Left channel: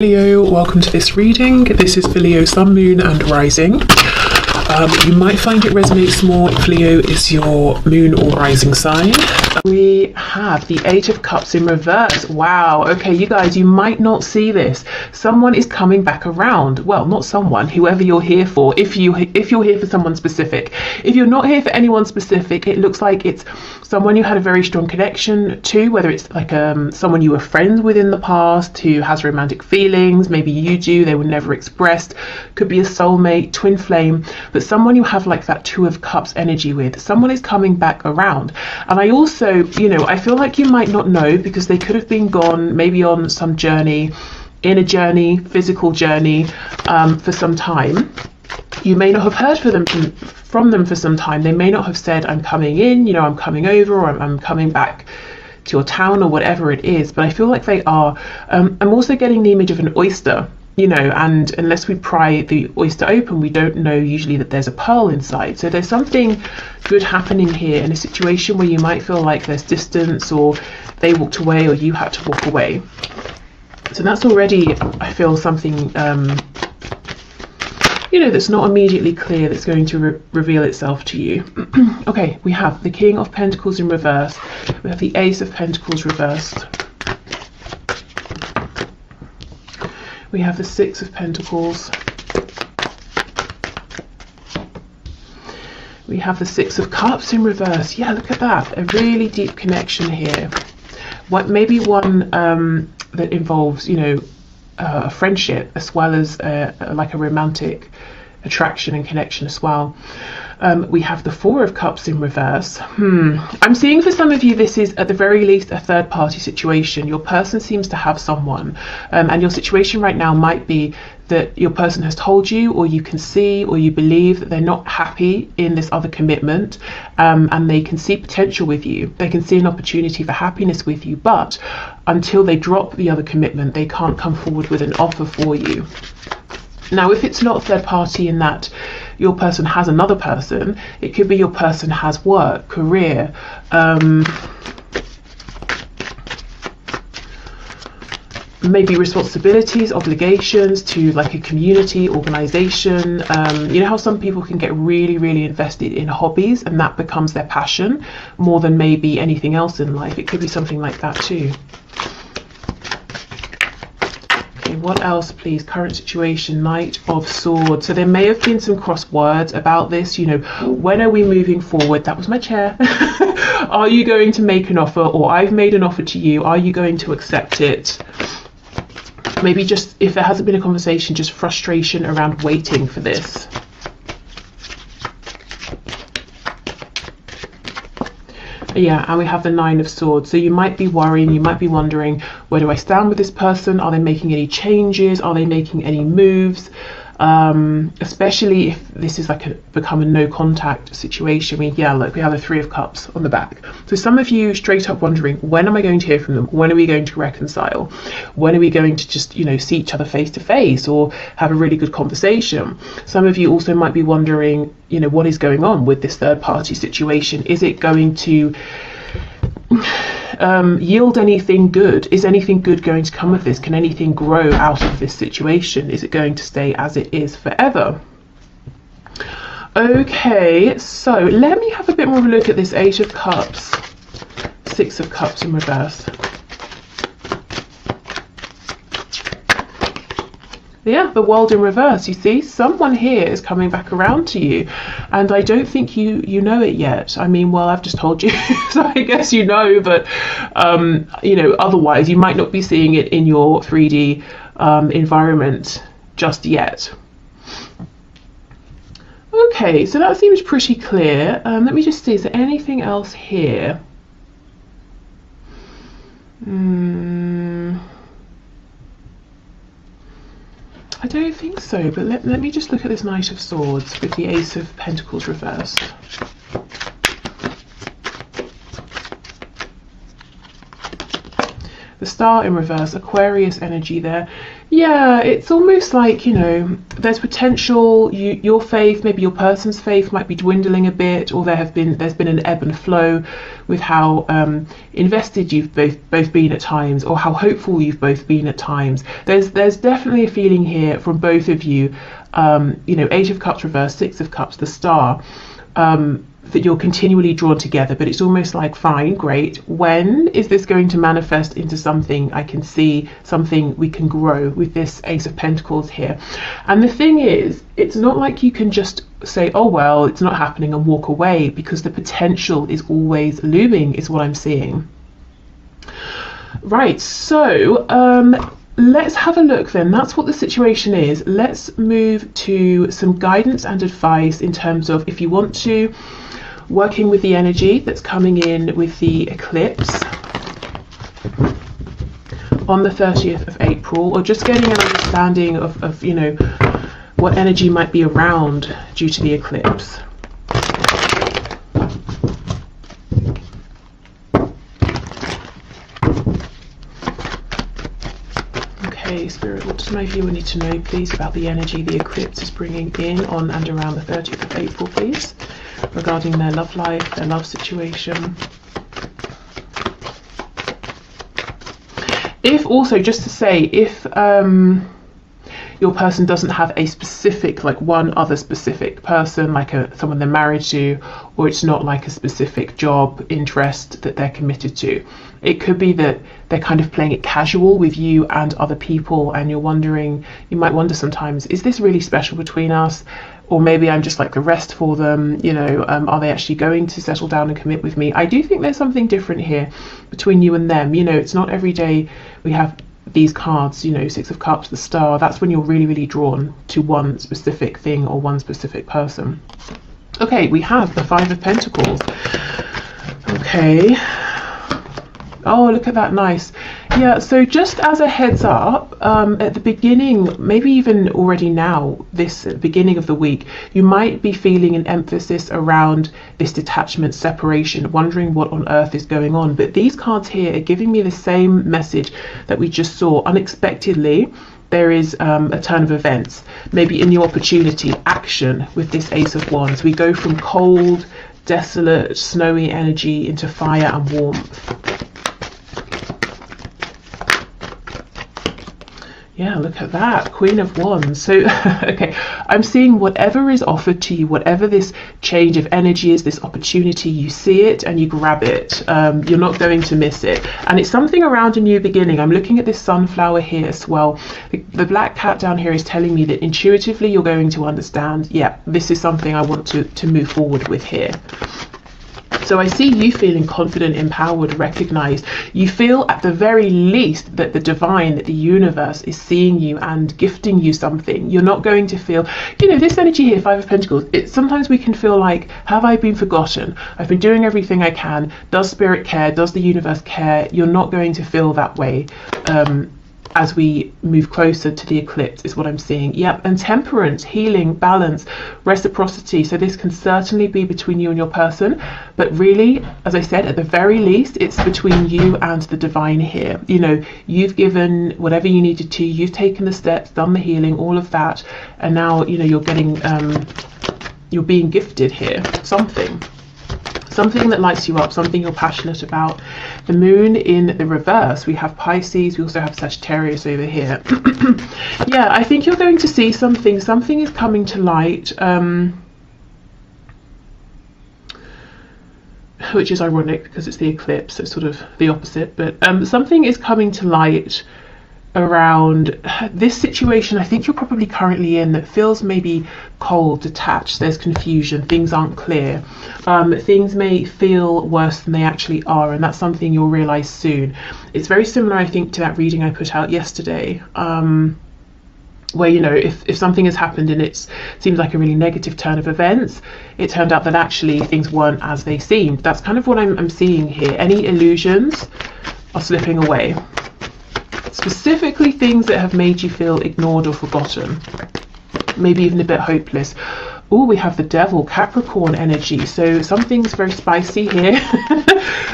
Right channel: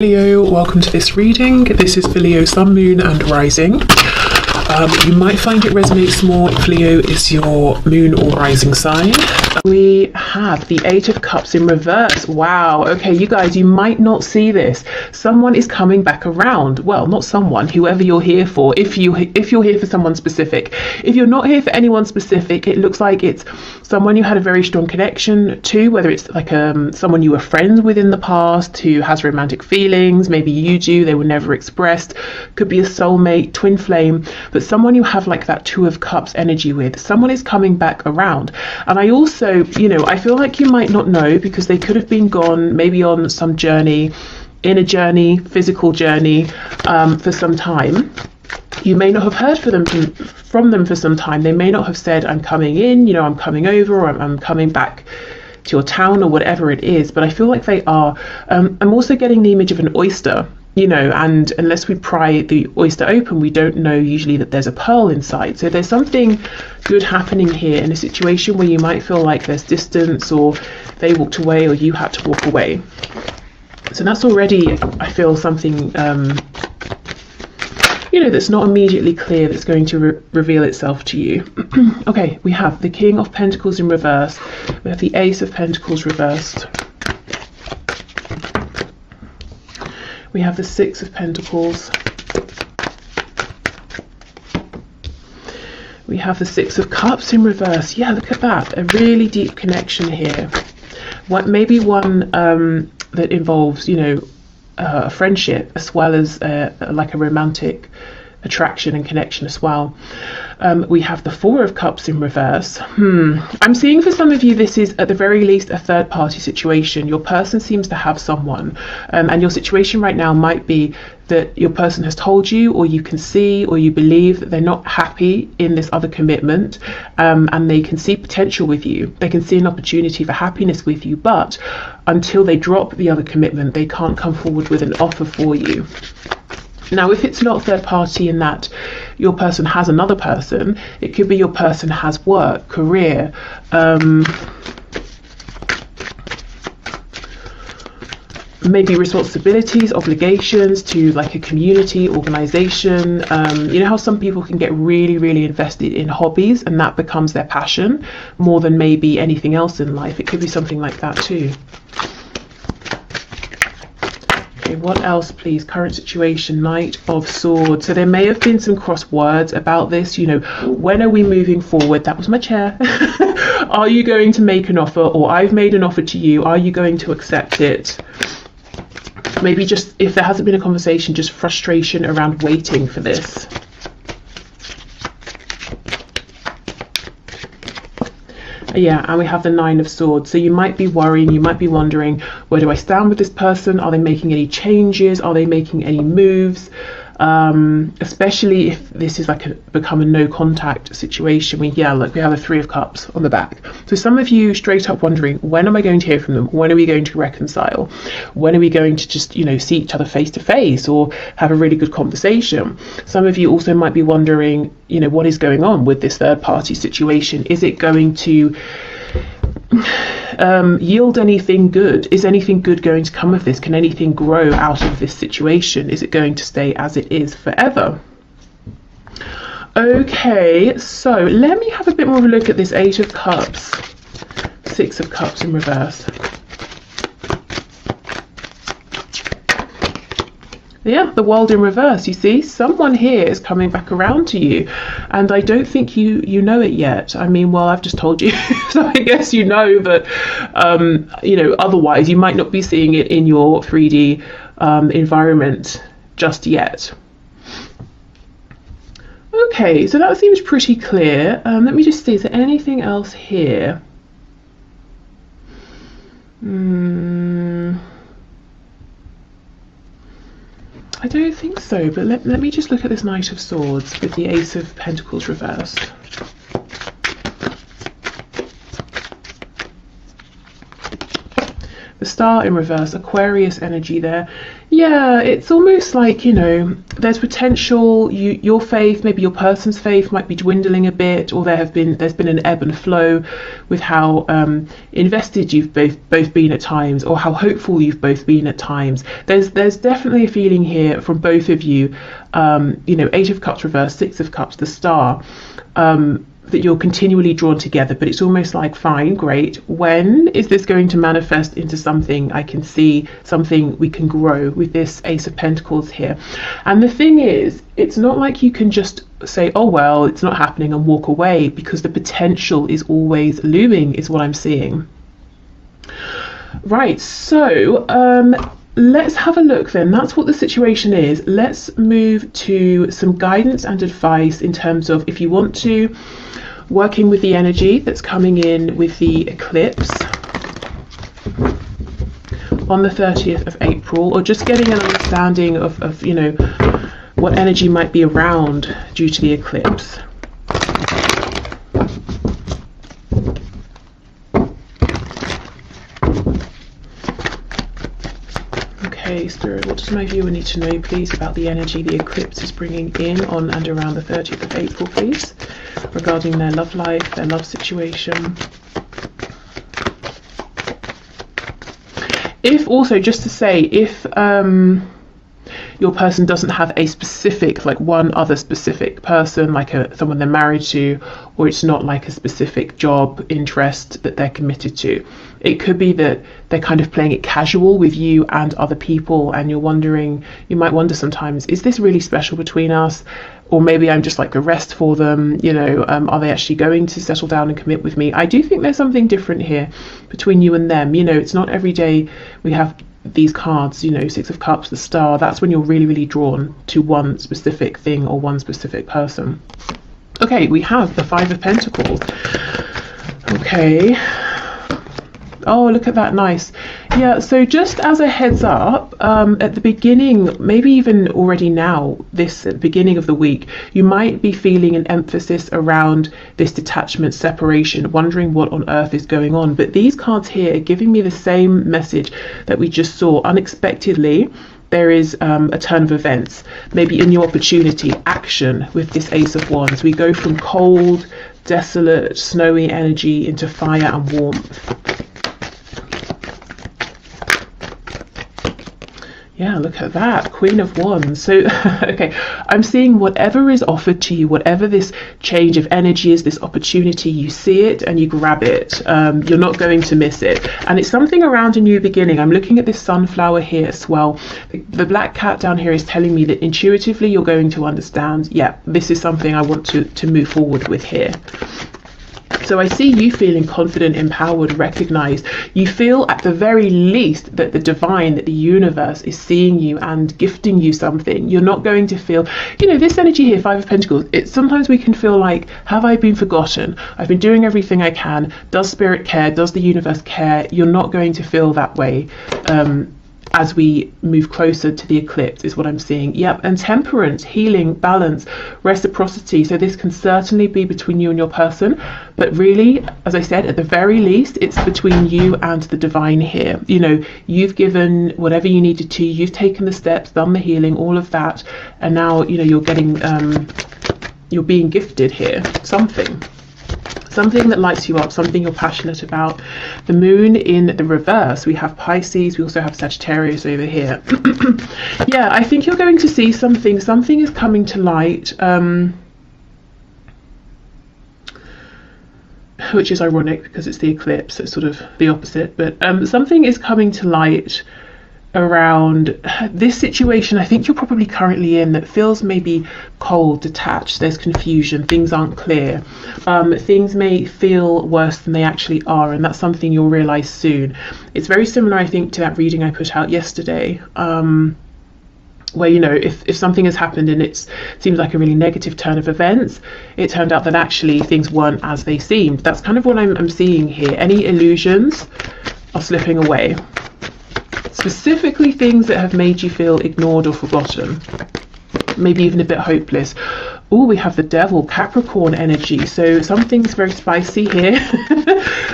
Leo, welcome to this reading. This is for Leo, Sun, Moon and Rising. You might find it resonates more if Leo is your moon or rising sign. We have the Eight of Cups in reverse. Wow, okay, you guys, you might not see this. Someone is coming back around. Well, not someone, whoever you're here for, if you're here for someone specific. If you're not here for anyone specific, it looks like it's someone you had a very strong connection to, whether it's like someone you were friends with in the past who has romantic feelings, maybe you do, they were never expressed, could be a soulmate, twin flame, but someone you have like that Two of Cups energy with. Someone is coming back around. And I also, I feel like you might not know because they could have been gone maybe on some journey, inner journey, physical journey, for some time. You may not have heard from them for some time. They may not have said, I'm coming in, I'm coming over, or I'm coming back to your town, or whatever it is. But I feel like they are. I'm also getting the image of an oyster, and unless we pry the oyster open, we don't know usually that there's a pearl inside. So there's something good happening here in a situation where you might feel like there's distance, or they walked away, or you had to walk away. So that's already, I feel, something that's not immediately clear that's going to reveal itself to you. Okay, we have the King of Pentacles in reverse. We have the Ace of Pentacles reversed. We have the Six of Pentacles. We have the Six of Cups in reverse. Yeah, look at that. A really deep connection here. Maybe one that involves, a friendship as well as like a romantic attraction and connection as well. We have the Four of Cups in reverse. I'm seeing for some of you this is at the very least a third party situation. Your person seems to have someone, and your situation right now might be that your person has told you, or you can see, or you believe that they're not happy in this other commitment, and they can see potential with you. They can see an opportunity for happiness with you, but until they drop the other commitment, they can't come forward with an offer for you. Now, if it's not a third party in that your person has another person, it could be your person has work, career, maybe responsibilities, obligations to like a community, organization. You know how some people can get really, really invested in hobbies and that becomes their passion more than maybe anything else in life. It could be something like that too. Okay, what else, please? Current situation, Knight of Swords. So there may have been some cross words about this. When are we moving forward? That was my chair. Are you going to make an offer, or I've made an offer to you? Are you going to accept it? Maybe just, if there hasn't been a conversation, just frustration around waiting for this. Yeah, and we have the Nine of Swords. So you might be worrying, you might be wondering, where do I stand with this person? Are they making any changes? Are they making any moves? Especially if this is like become a no contact situation. Look, we have a Three of Cups on the back. So some of you straight up wondering, when am I going to hear from them? When are we going to reconcile? When are we going to just, see each other face to face or have a really good conversation? Some of you also might be wondering, what is going on with this third party situation? Is it going to yield anything good? Is anything good going to come of this? Can anything grow out of this situation? Is it going to stay as it is forever? Okay, so let me have a bit more of a look at this Eight of Cups, Six of Cups in reverse. Yeah, the World in reverse. You see, someone here is coming back around to you, and I don't think you know it yet. I've just told you, so I guess you know, but otherwise you might not be seeing it in your 3D environment just yet. Okay, so that seems pretty clear. Let me just see, is there anything else here? I don't think so, but let me just look at this Knight of Swords with the Ace of Pentacles reversed. Star in reverse, Aquarius energy there. Yeah, it's almost like, you know, there's potential, your faith, maybe your person's faith might be dwindling a bit, or there's been an ebb and flow with how invested you've both been at times, or how hopeful you've both been at times. There's definitely a feeling here from both of you, you know, Eight of Cups reverse, Six of Cups, the Star, that you're continually drawn together, but it's almost like, fine, great, when is this going to manifest into something I can see, something we can grow, with this Ace of Pentacles here? And the thing is, it's not like you can just say, oh well, it's not happening, and walk away, because the potential is always looming, is what I'm seeing. Right, so let's have a look then. That's what the situation is. Let's move to some guidance and advice in terms of, if you want to, working with the energy that's coming in with the eclipse on the 30th of April, or just getting an understanding of you know, what energy might be around due to the eclipse. Spirit, what does my viewer need to know, please, about the energy the eclipse is bringing in on and around the 30th of April, please, regarding their love life, their love situation? If also, just to say, if your person doesn't have a specific, like one other specific person, like someone they're married to, or it's not like a specific job interest that they're committed to, it could be that they're kind of playing it casual with you and other people, and you're wondering, you might wonder sometimes, is this really special between us? Or maybe I'm just like the rest for them, you know, are they actually going to settle down and commit with me? I do think there's something different here between you and them. You know, it's not every day we have these cards, you know, Six of Cups, the Star. That's when you're really, really drawn to one specific thing or one specific person. Okay, we have the Five of Pentacles. Okay. Oh, look at that, nice. Yeah, so just as a heads up, at the beginning, maybe even already now, this at the beginning of the week, you might be feeling an emphasis around this detachment, separation, wondering what on earth is going on. But these cards here are giving me the same message that we just saw. Unexpectedly, there is a turn of events, maybe a new opportunity, action with this Ace of Wands. We go from cold, desolate, snowy energy into fire and warmth. Yeah, look at that, Queen of Wands. So, okay, I'm seeing whatever is offered to you, whatever this change of energy is, this opportunity, you see it and you grab it. You're not going to miss it. And it's something around a new beginning. I'm looking at this sunflower here as well. The black cat down here is telling me that intuitively you're going to understand, yeah, this is something I want to move forward with here. So I see you feeling confident, empowered, recognized. You feel at the very least that the divine, that the universe is seeing you and gifting you something. You're not going to feel, you know, this energy here, Five of Pentacles, it's sometimes we can feel like, have I been forgotten? I've been doing everything I can. Does spirit care? Does the universe care? You're not going to feel that way. As we move closer to the eclipse is what I'm seeing. Yep, and temperance, healing, balance, reciprocity. So this can certainly be between you and your person, but really, as I said, at the very least, it's between you and the divine here. You know, you've given whatever you needed to, you've taken the steps, done the healing, all of that, and now, you know, you're getting, you're being gifted here, something that lights you up, something you're passionate about. The moon in the reverse, we have Pisces, we also have Sagittarius over here. Yeah, I think you're going to see something is coming to light, which is ironic because it's the eclipse, it's sort of the opposite, but something is coming to light around this situation I think you're probably currently in that feels maybe cold, detached, there's confusion, things aren't clear, things may feel worse than they actually are, and that's something you'll realize soon. It's very similar, I think, to that reading I put out yesterday, where, you know, if something has happened and it seems like a really negative turn of events, it turned out that actually things weren't as they seemed. That's kind of what I'm seeing here. Any illusions are slipping away. Specifically things that have made you feel ignored or forgotten, maybe even a bit hopeless. Oh, we have the devil, Capricorn energy. So something's very spicy here.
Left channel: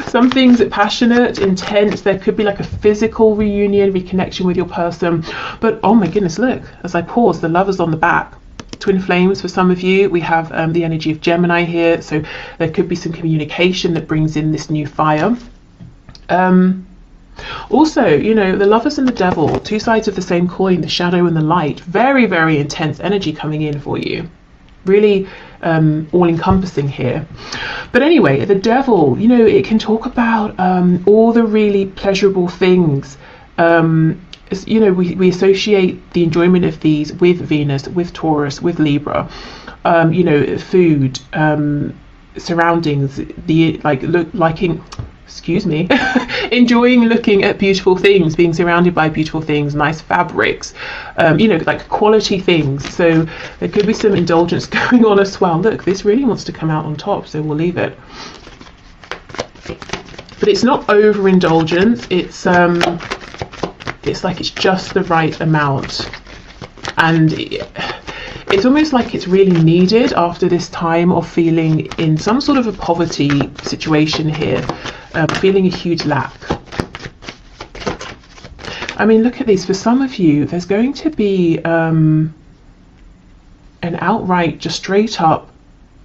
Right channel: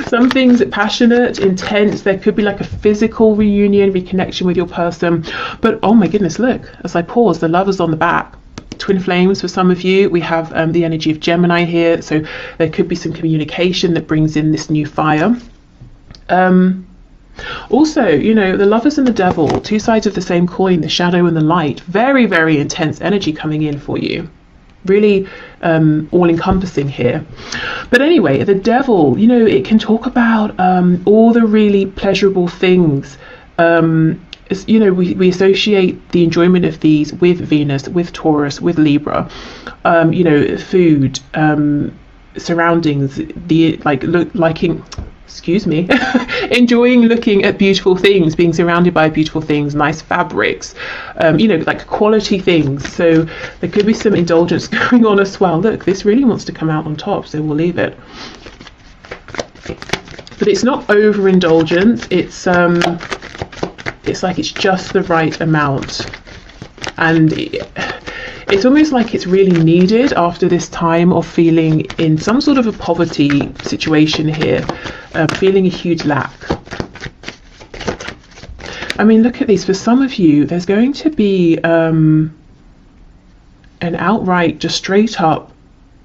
Something's passionate, intense. There could be like a physical reunion, reconnection with your person. But oh my goodness, look, as I pause, the Lovers on the back. Twin flames for some of you. We have the energy of Gemini here. So there could be some communication that brings in this new fire. Also, you know, the Lovers and the Devil, two sides of the same coin, the shadow and the light. Very, very intense energy coming in for you. Really all-encompassing here. But anyway, the Devil, you know, it can talk about all the really pleasurable things. You know, we associate the enjoyment of these with Venus, with Taurus, with Libra. You know, food, surroundings, the liking, excuse me, enjoying looking at beautiful things, being surrounded by beautiful things, nice fabrics, you know, like quality things. So there could be some indulgence going on as well. Look, this really wants to come out on top, so we'll leave it. But it's not overindulgence. It's like it's just the right amount, and it's almost like it's really needed after this time of feeling in some sort of a poverty situation here, feeling a huge lack. I mean, look at this. For some of you, there's going to be an outright, just straight up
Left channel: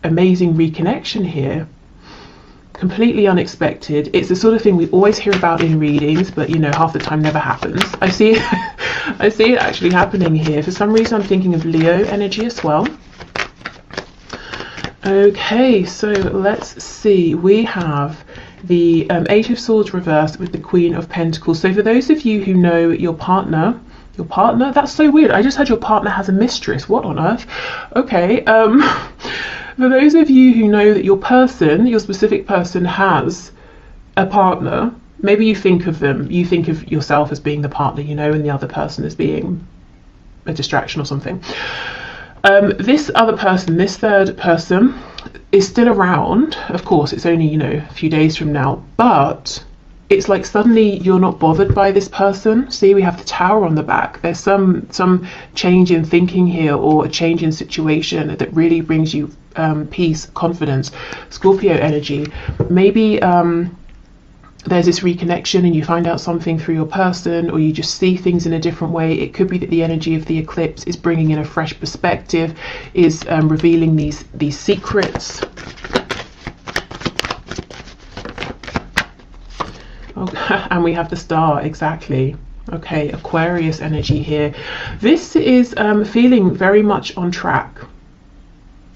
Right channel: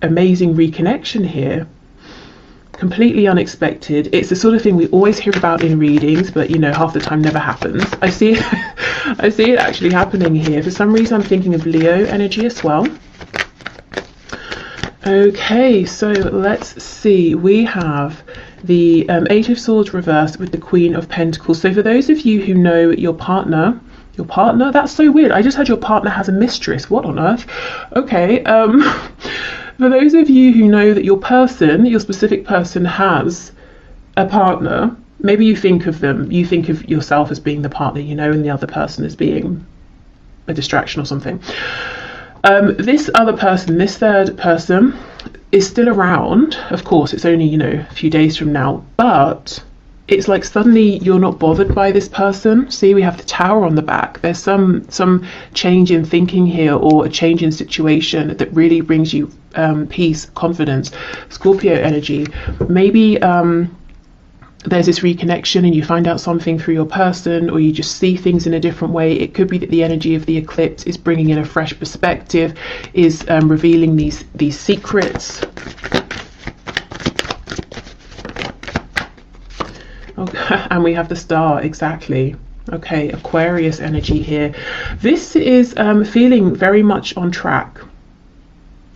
amazing reconnection here. Completely unexpected. It's the sort of thing we always hear about in readings, but you know, half the time never happens. I see it actually happening here. For some reason I'm thinking of Leo energy as well. Okay, so let's see. We have the Eight of Swords reversed with the Queen of Pentacles. So for those of you who know your partner, that's so weird. I just heard your partner has a mistress. What on earth? Okay. For those of you who know that your person, your specific person, has a partner, maybe you think of them, you think of yourself as being the partner, you know, and the other person as being a distraction or something. This other person, this third person, is still around. Of course, it's only, you know, a few days from now, but it's like suddenly you're not bothered by this person. See, we have the Tower on the back. There's some change in thinking here, or a change in situation that really brings you peace, confidence. Scorpio energy. Maybe there's this reconnection and you find out something through your person, or you just see things in a different way. It could be that the energy of the eclipse is bringing in a fresh perspective, is revealing these secrets. Okay, and we have the Star, exactly. Okay, Aquarius energy here. This is feeling very much on track.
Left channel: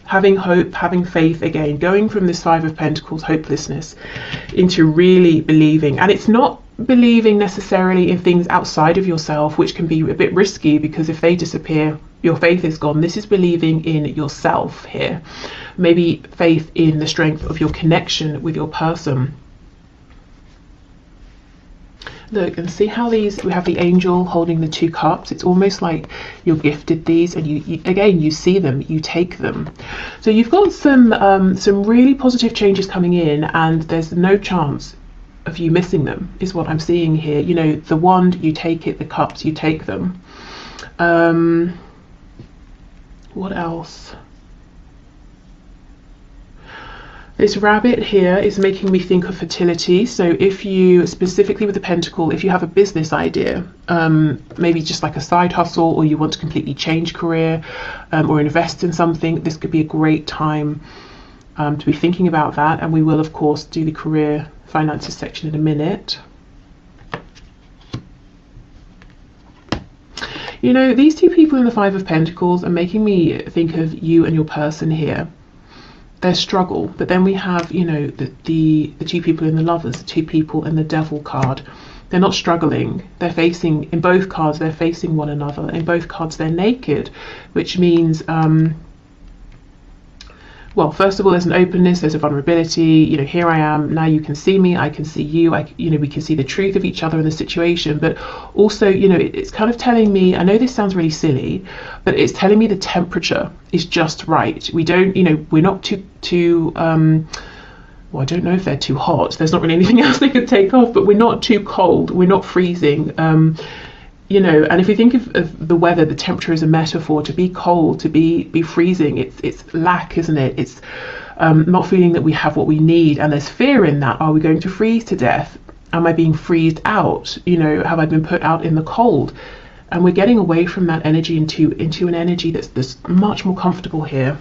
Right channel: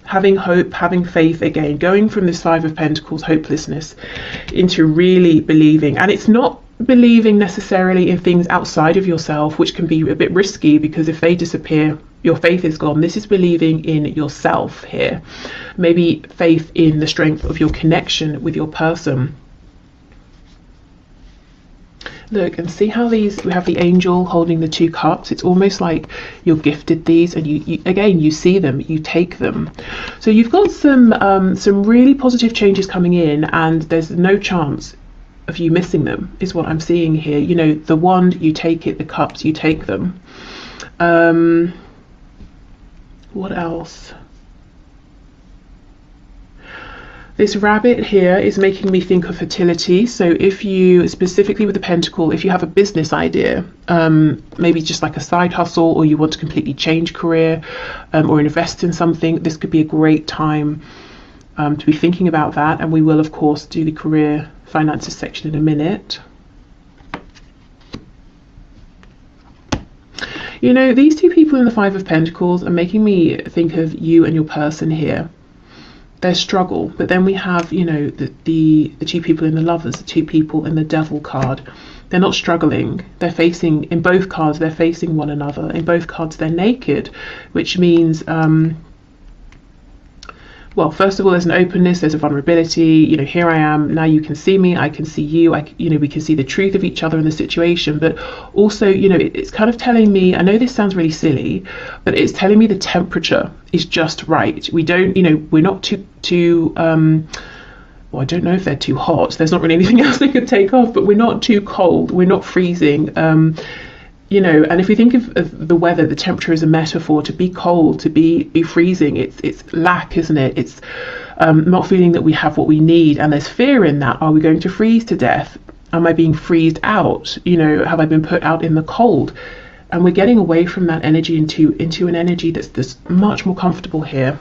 Having hope, having faith again, going from this Five of Pentacles, hopelessness, into really believing. And it's not believing necessarily in things outside of yourself, which can be a bit risky, because if they disappear, your faith is gone. This is believing in yourself here. Maybe faith in the strength of your connection with your person. Look and see how these, we have the angel holding the two cups. It's almost like you're gifted these, and you again, you see them, you take them. So you've got some really positive changes coming in, and there's no chance of you missing them, is what I'm seeing here. You know, the wand, you take it, the cups, you take them. What else? This rabbit here is making me think of fertility. So if you, specifically with the pentacle, if you have a business idea, maybe just like a side hustle, or you want to completely change career, or invest in something, this could be a great time to be thinking about that. And we will, of course, do the career finances section in a minute. You know, these two people in the Five of Pentacles are making me think of you and your person here. Their struggle, but then we have, you know, the two people in the Lovers, the two people in the Devil card. They're not struggling. They're facing, in both cards, they're facing one another. In both cards, they're naked, which means, well, first of all, there's an openness, there's a vulnerability. You know, here I am, now you can see me, I can see you, you know, we can see the truth of each other in the situation. But also, you know, it's kind of telling me, I know this sounds really silly, but it's telling me the temperature is just right. We don't, you know, we're not too well, I don't know if they're too hot. There's not really anything else they could take off, but we're not too cold, we're not freezing. You know, and if we think of the weather, the temperature is a metaphor. To be cold, to be freezing, it's lack, isn't it? It's not feeling that we have what we need, and there's fear in that. Are we going to freeze to death? Am I being freezed out? You know, have I been put out in the cold? And we're getting away from that energy into an energy that's much more comfortable here.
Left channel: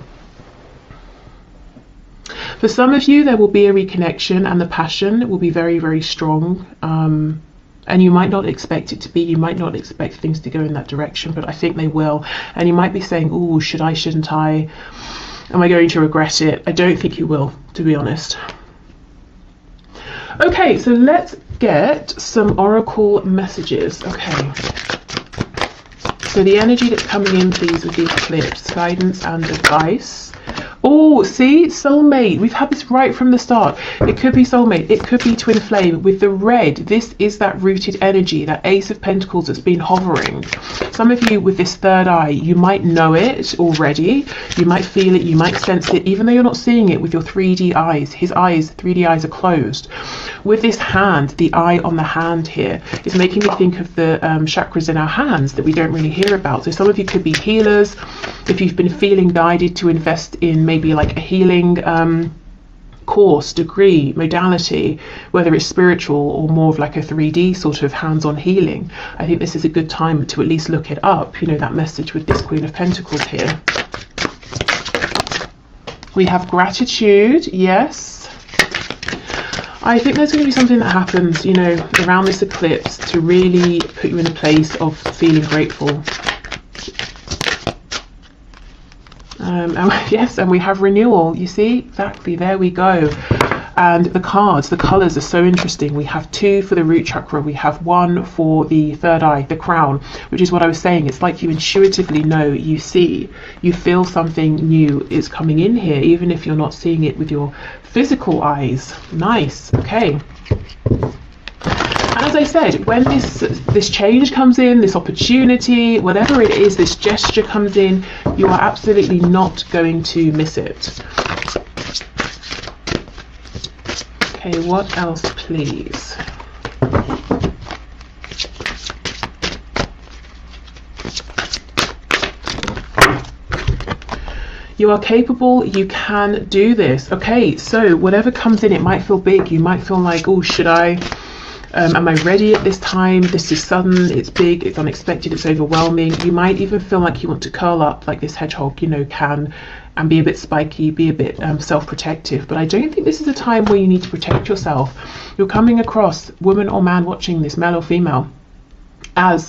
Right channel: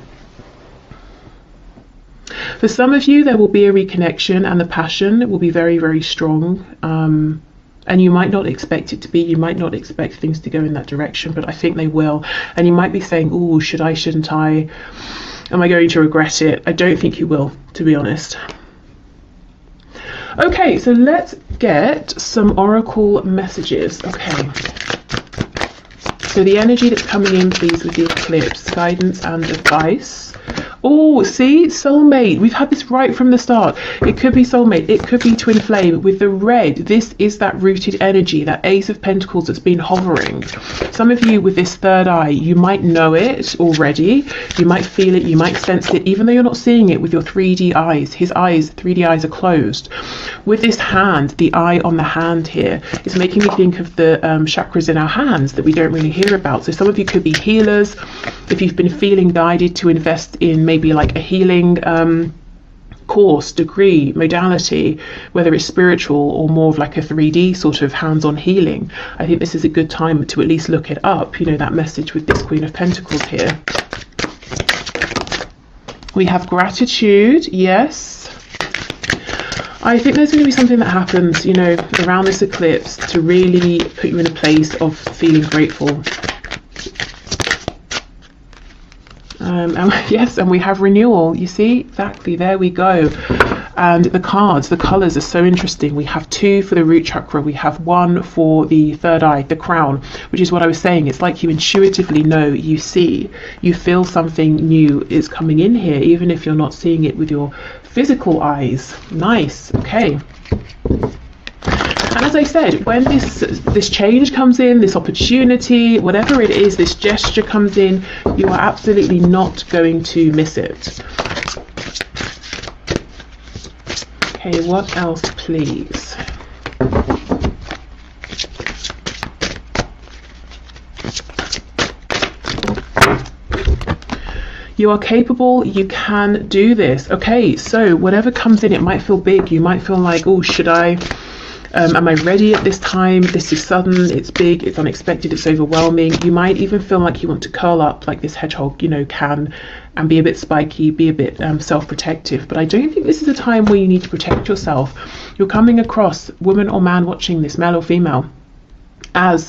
For some of you, there will be a reconnection, and the passion will be very, very strong. And you might not expect it to be, you might not expect things to go in that direction, but I think they will. And you might be saying, oh, should I, shouldn't I? Am I going to regret it? I don't think you will, to be honest. Okay, so let's get some oracle messages. Okay. So the energy that's coming in, please, with the eclipse, guidance and advice. Oh, see, soulmate. We've had this right from the start. It could be soulmate. It could be twin flame. With the red, this is that rooted energy, that Ace of Pentacles that's been hovering. Some of you with this third eye, you might know it already. You might feel it. You might sense it, even though you're not seeing it with your 3D eyes. His eyes, 3D eyes, are closed. With this hand, the eye on the hand here is making me think of the chakras in our hands that we don't really hear about. So some of you could be healers. If you've been feeling guided to invest in maybe like a healing course, degree, modality, whether it's spiritual or more of like a 3D sort of hands-on healing, I think this is a good time to at least look it up. You know, that message with this Queen of Pentacles here. We have gratitude, yes. I think there's going to be something that happens, you know, around this eclipse to really put you in a place of feeling grateful. And yes, and we have renewal. You see, exactly, there we go. And the cards, the colors are so interesting. We have 2 for the root chakra. We have 1 for the third eye, the crown, which is what I was saying. It's like you intuitively know, you see, you feel something new is coming in here, even if you're not seeing it with your physical eyes. Nice. Okay. And as I said, when this change comes in, this opportunity, whatever it is, this gesture comes in, you are absolutely not going to miss it. Okay, what else, please? You are capable, you can do this. Okay, so whatever comes in, it might feel big. You might feel like, oh, should I? Am I ready at this time? This is sudden, it's big, it's unexpected, it's overwhelming. You might even feel like you want to curl up like this hedgehog, you know, can, and be a bit spiky, be a bit self-protective. But I don't think this is a time where you need to protect yourself. You're coming across, woman or man watching this, male or female, as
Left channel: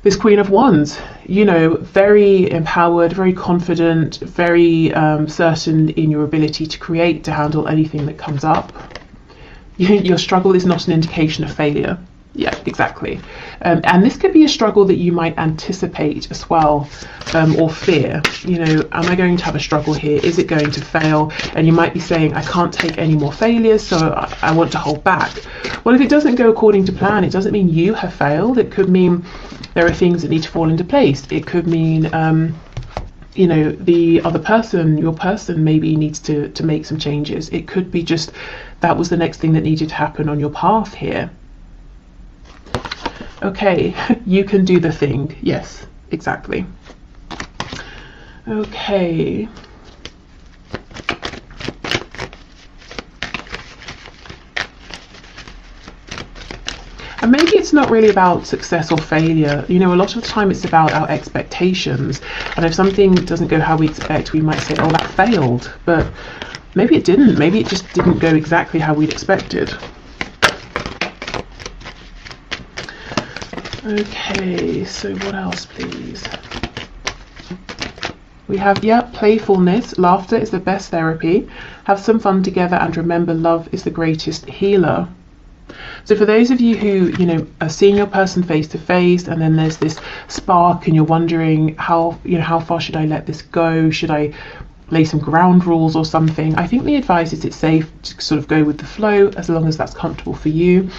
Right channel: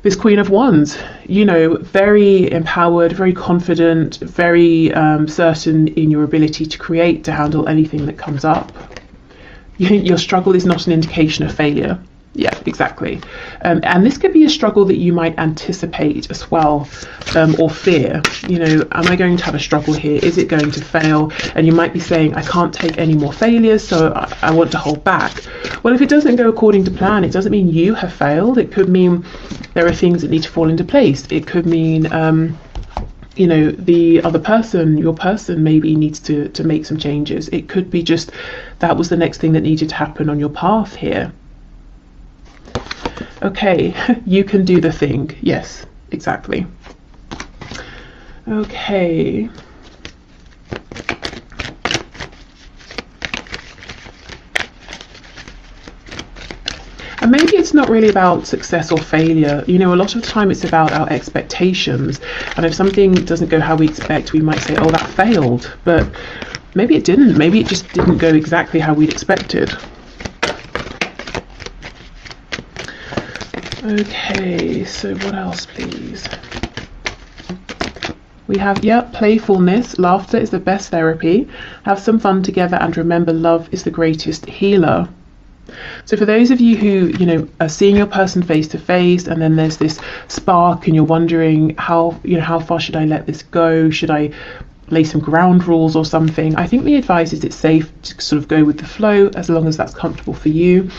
this Queen of Wands, you know, very empowered, very confident, very certain in your ability to create, to handle anything that comes up. Your struggle is not an indication of failure. Yeah, exactly. And this could be a struggle that you might anticipate as well, or fear. You know, am I going to have a struggle here? Is it going to fail? And you might be saying, I can't take any more failures, so I want to hold back. Well, if it doesn't go according to plan, it doesn't mean you have failed. It could mean there are things that need to fall into place. It could mean you know, the other person, your person, maybe needs to make some changes. It could be just that was the next thing that needed to happen on your path here. Okay, you can do the thing. Yes, exactly. Okay. And maybe it's not really about success or failure. You know, a lot of the time it's about our expectations. And if something doesn't go how we expect, we might say, oh, that failed. But maybe it didn't. Maybe it just didn't go exactly how we'd expected. Okay, so what else, please? We have, yeah, playfulness. Laughter is the best therapy. Have some fun together, and remember, love is the greatest healer. So for those of you who, you know, are seeing your person face to face, and then there's this spark and you're wondering how, you know, how far should I let this go? Should I lay some ground rules or something? I think the advice is it's safe to sort of go with the flow as long as that's comfortable for you.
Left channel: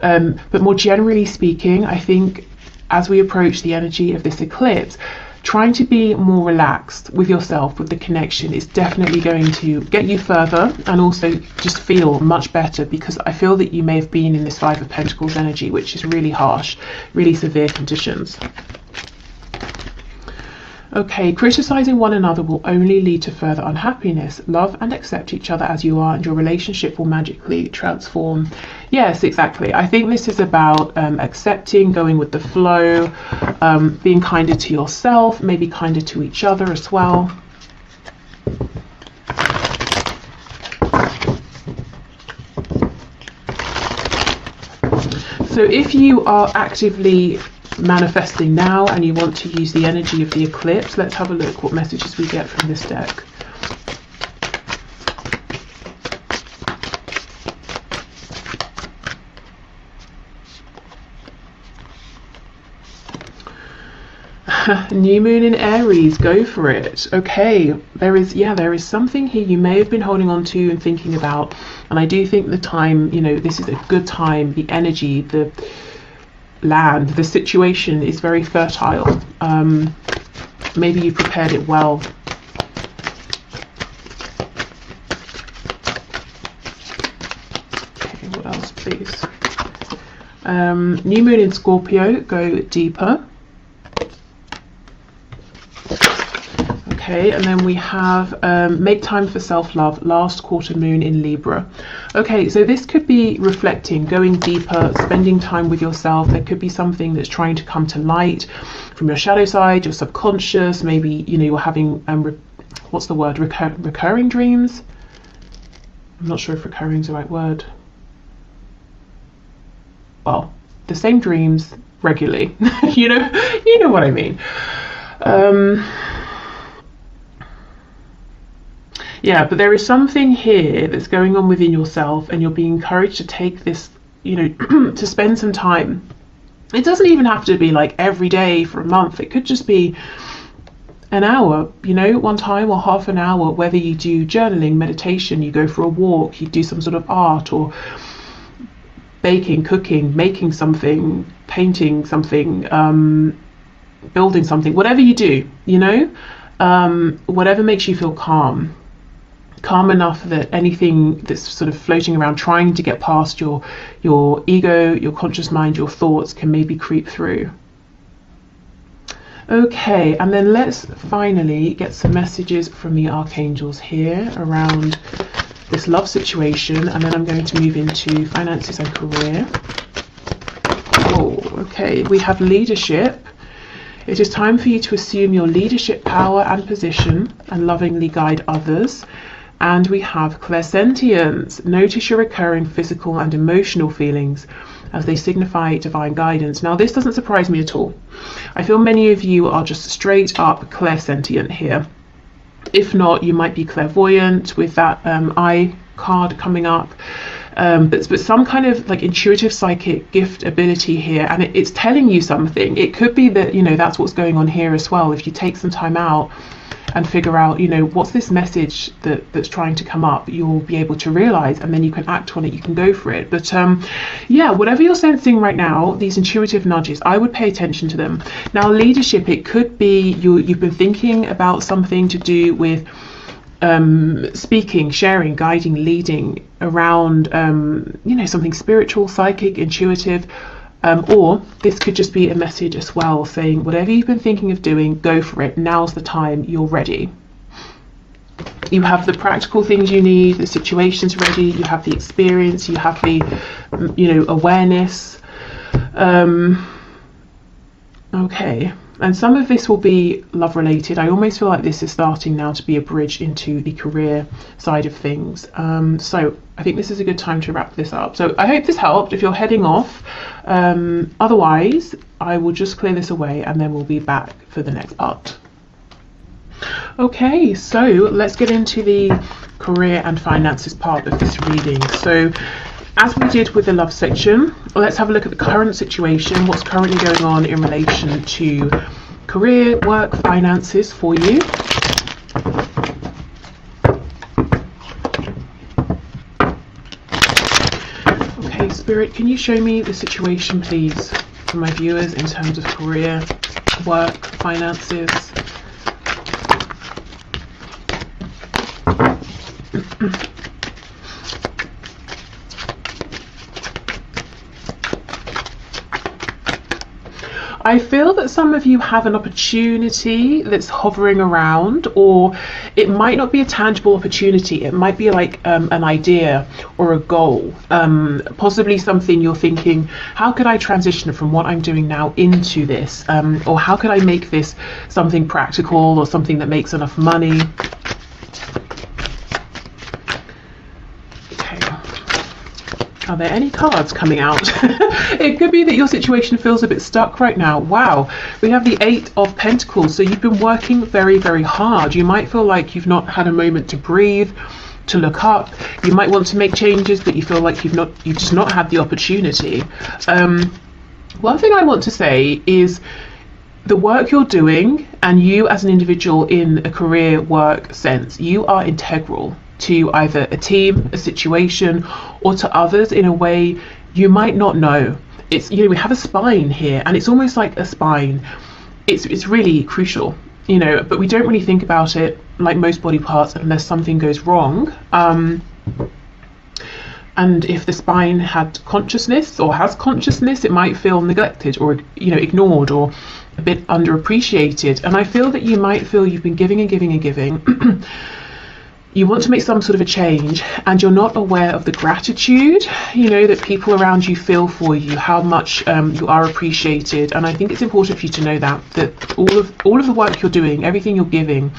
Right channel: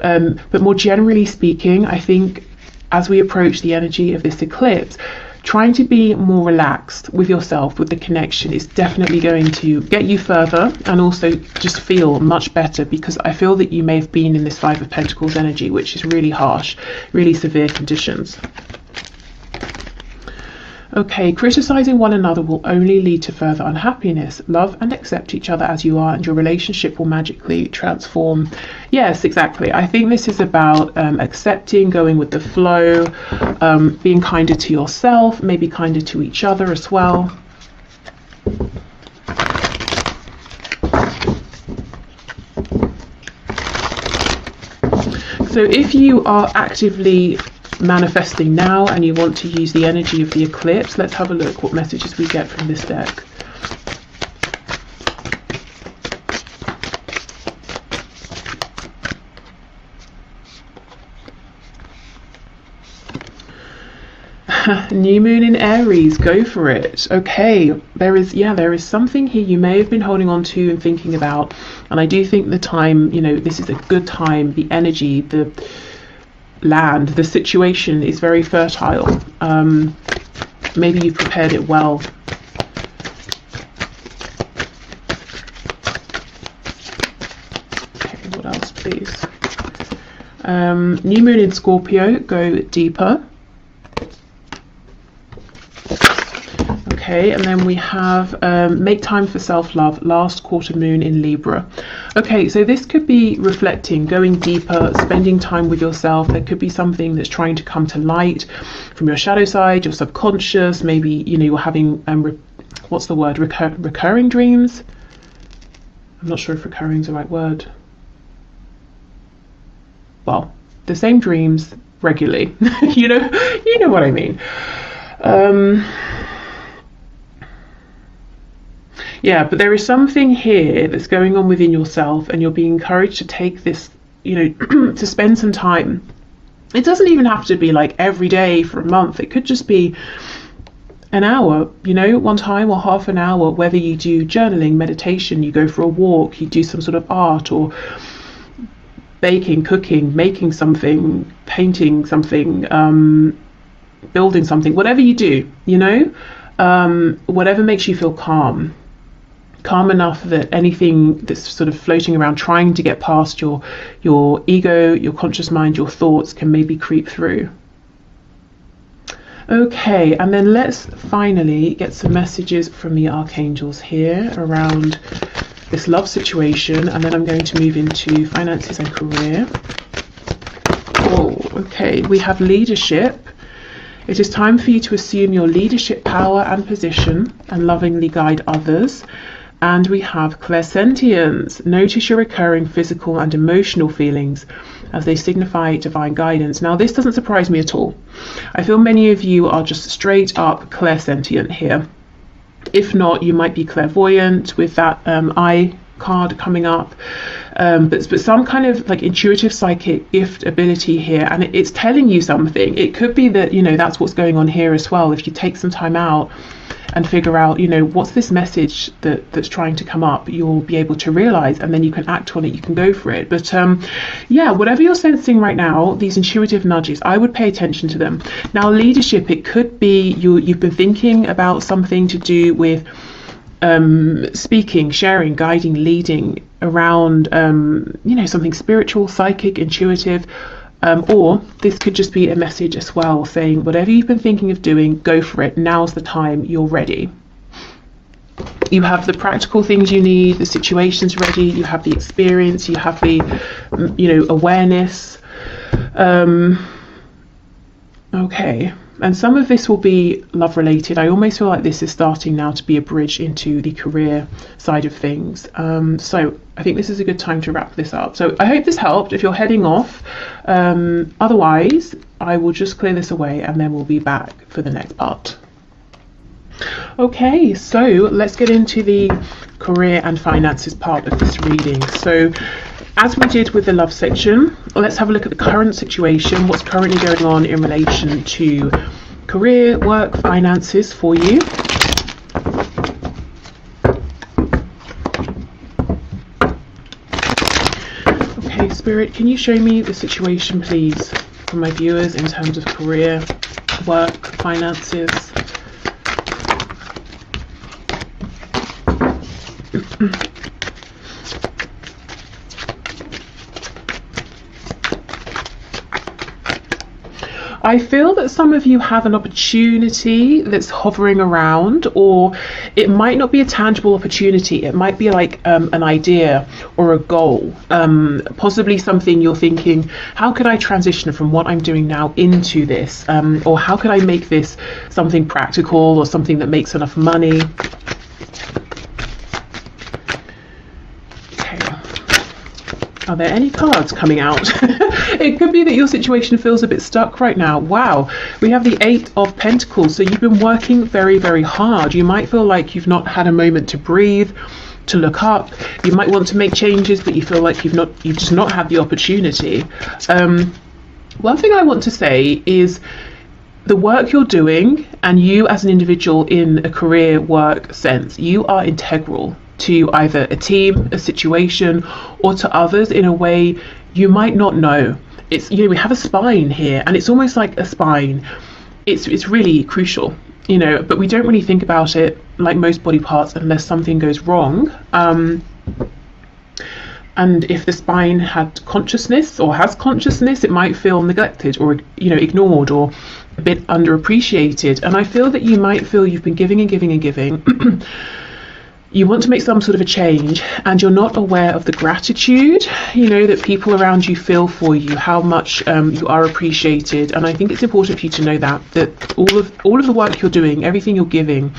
But more generally speaking, I think as we approach the energy of this eclipse, trying to be more relaxed with yourself, with the connection, is definitely going to get you further and also just feel much better, because I feel that you may have been in this Five of Pentacles energy, which is really harsh, really severe conditions. Okay, criticizing one another will only lead to further unhappiness. Love and accept each other as you are, and your relationship will magically transform. Yes, exactly. I think this is about accepting, going with the flow, being kinder to yourself, maybe kinder to each other as well. So if you are actively manifesting now and you want to use the energy of the eclipse, let's have a look what messages we get from this deck. New moon in Aries, go for it. Okay, there is something here you may have been holding on to and thinking about, and I do think the time, this is a good time. The energy, the land, the situation is very fertile. Maybe you've prepared it well. Okay, what else, please? New moon in Scorpio, go deeper. Okay, and then we have make time for self-love, last quarter moon in Libra. Okay, so this could be reflecting, going deeper, spending time with yourself. There could be something that's trying to come to light from your shadow side, your subconscious. Maybe, you're having, what's the word, recurring dreams? I'm not sure if recurring is the right word. Well, the same dreams regularly. you know what I mean. Yeah, but there is something here that's going on within yourself, and you're being encouraged to take this, to spend some time. It doesn't even have to be like every day for a month. It could just be an hour, one time, or half an hour, whether you do journaling, meditation, you go for a walk, you do some sort of art, or baking, cooking, making something, painting something, building something, whatever you do, whatever makes you feel calm enough that anything that's sort of floating around trying to get past your ego, your conscious mind, your thoughts can maybe creep through. Okay, and then let's finally get some messages from the archangels here around this love situation, and then I'm going to move into finances and career. Oh, okay, we have leadership. It is time for you to assume your leadership power and position and lovingly guide others. And we have clairsentience. Notice your recurring physical and emotional feelings as they signify divine guidance. Now, this doesn't surprise me at all. I feel many of you are just straight up clairsentient here. If not, you might be clairvoyant with that eye card coming up. But some kind of like intuitive psychic gift ability here, and it's telling you something. It could be that, that's what's going on here as well. If you take some time out and figure out, what's this message that's trying to come up, you'll be able to realize, and then you can act on it, you can go for it. But yeah, whatever you're sensing right now, these intuitive nudges, I would pay attention to them. Now, leadership, it could be you've been thinking about something to do with speaking, sharing, guiding, leading around, something spiritual, psychic, intuitive, or this could just be a message as well, saying whatever you've been thinking of doing, go for it. Now's the time, you're ready. You have the practical things you need, the situation's ready, you have the experience, you have the, awareness. Okay. And some of this will be love related. I almost feel like this is starting now to be a bridge into the career side of things. So I think this is a good time to wrap this up. So I hope this helped if you're heading off. Otherwise, I will just clear this away and then we'll be back for the next part. Okay, so let's get into the career and finances part of this reading. So as we did with the love section, let's have a look at the current situation, what's currently going on in relation to career, work, finances for you. Okay, Spirit, can you show me the situation, please? for my viewers in terms of career, work, finances. I feel that some of you have an opportunity that's hovering around, or it might not be a tangible opportunity. It might be like an idea or a goal, possibly something you're thinking, how could I transition from what I'm doing now into this? Or how could I make this something practical or something that makes enough money? Are there any cards coming out? It could be that your situation feels a bit stuck right now. Wow, we have the 8 of Pentacles. So you've been working very, very hard. You might feel like you've not had a moment to breathe, to look up. You might want to make changes, but you feel like you've just not had the opportunity. One thing I want to say is the work you're doing, and you as an individual in a career work sense, you are integral to either a team, a situation, or to others in a way you might not know. It's, you know, we have a spine here, and it's almost like a spine. It's really crucial, you know, but we don't really think about it like most body parts unless something goes wrong. And if the spine had consciousness or has consciousness, it might feel neglected or, you know, ignored or a bit underappreciated. And I feel that you might feel you've been giving and giving and giving. You want to make some sort of a change, and you're not aware of the gratitude, you know, that people around you feel for you, how much you are appreciated. And I think it's important for you to know that all of the work you're doing, everything you're giving,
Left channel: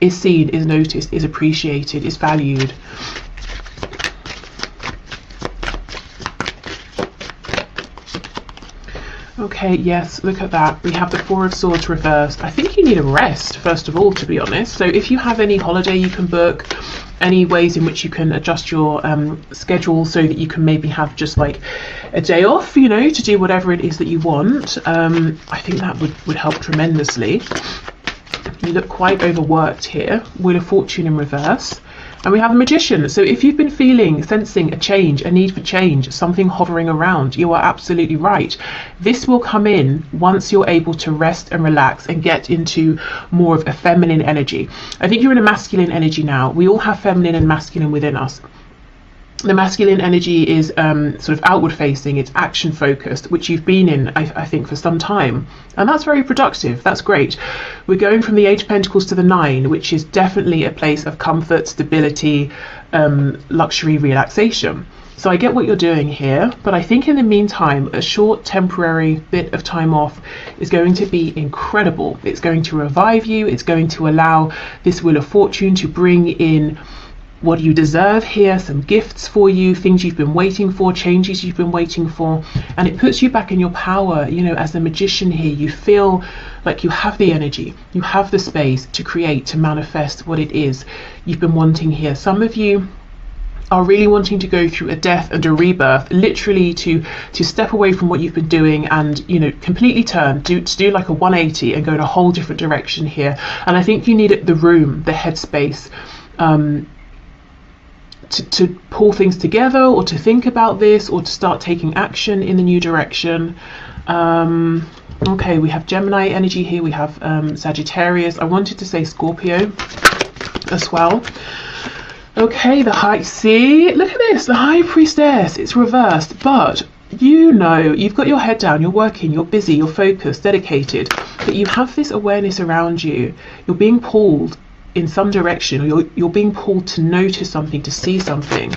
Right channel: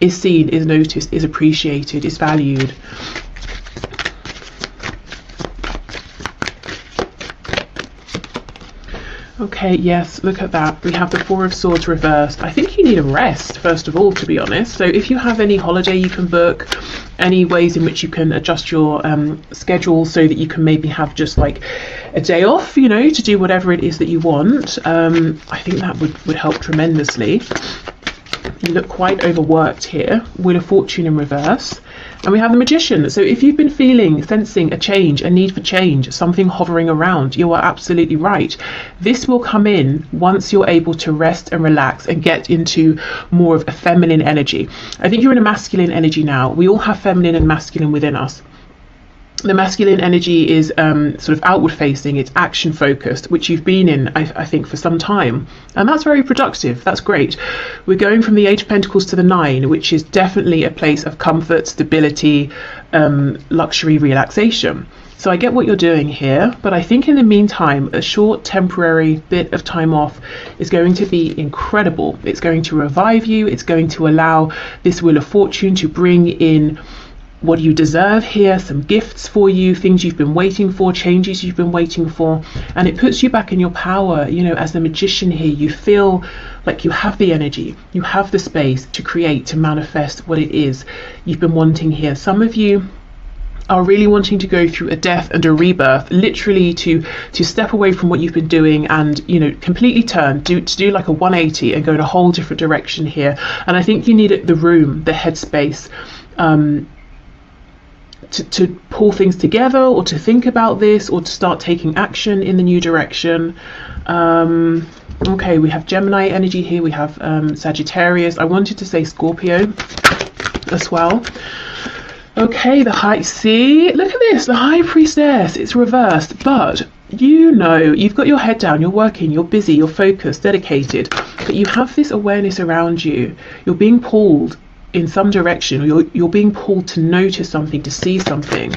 is seen, is noticed, is appreciated, is valued. Okay, yes, look at that. We have the 4 of Swords reversed. I think you need a rest, first of all, to be honest. So if you have any holiday you can book, any ways in which you can adjust your schedule so that you can maybe have just like a day off, you know, to do whatever it is that you want, I think that would help tremendously. You look quite overworked here. Wheel of Fortune in reverse. And we have the Magician. So if you've been sensing a change, a need for change, something hovering around, you are absolutely right. This will come in once you're able to rest and relax and get into more of a feminine energy. I think you're in a masculine energy now. We all have feminine and masculine within us. The masculine energy is sort of outward facing, it's action focused, which you've been in, I think, for some time. And that's very productive, that's great. We're going from the 8 of Pentacles to the 9, which is definitely a place of comfort, stability, luxury, relaxation. So I get what you're doing here, but I think in the meantime, a short temporary bit of time off is going to be incredible. It's going to revive you, it's going to allow this Wheel of Fortune to bring in what you deserve here, some gifts for you, things you've been waiting for, changes you've been waiting for, and it puts you back in your power. You know, as the Magician here, you feel like you have the energy, you have the space to create, to manifest what it is you've been wanting here. Some of you are really wanting to go through a death and a rebirth, literally to step away from what you've been doing and, you know, completely turn, to do like a 180 and go in a whole different direction here. And I think you need the room, the headspace, to pull things together, or to think about this, or to start taking action in the new direction. Okay, we have Gemini energy here, we have Sagittarius. I wanted to say Scorpio as well. Okay, the High See, look at this, the High Priestess, it's reversed, but you know, you've got your head down, you're working, you're busy, you're focused, dedicated, but you have this awareness around you. You're being pulled in some direction, or you're being pulled to notice something, to see something.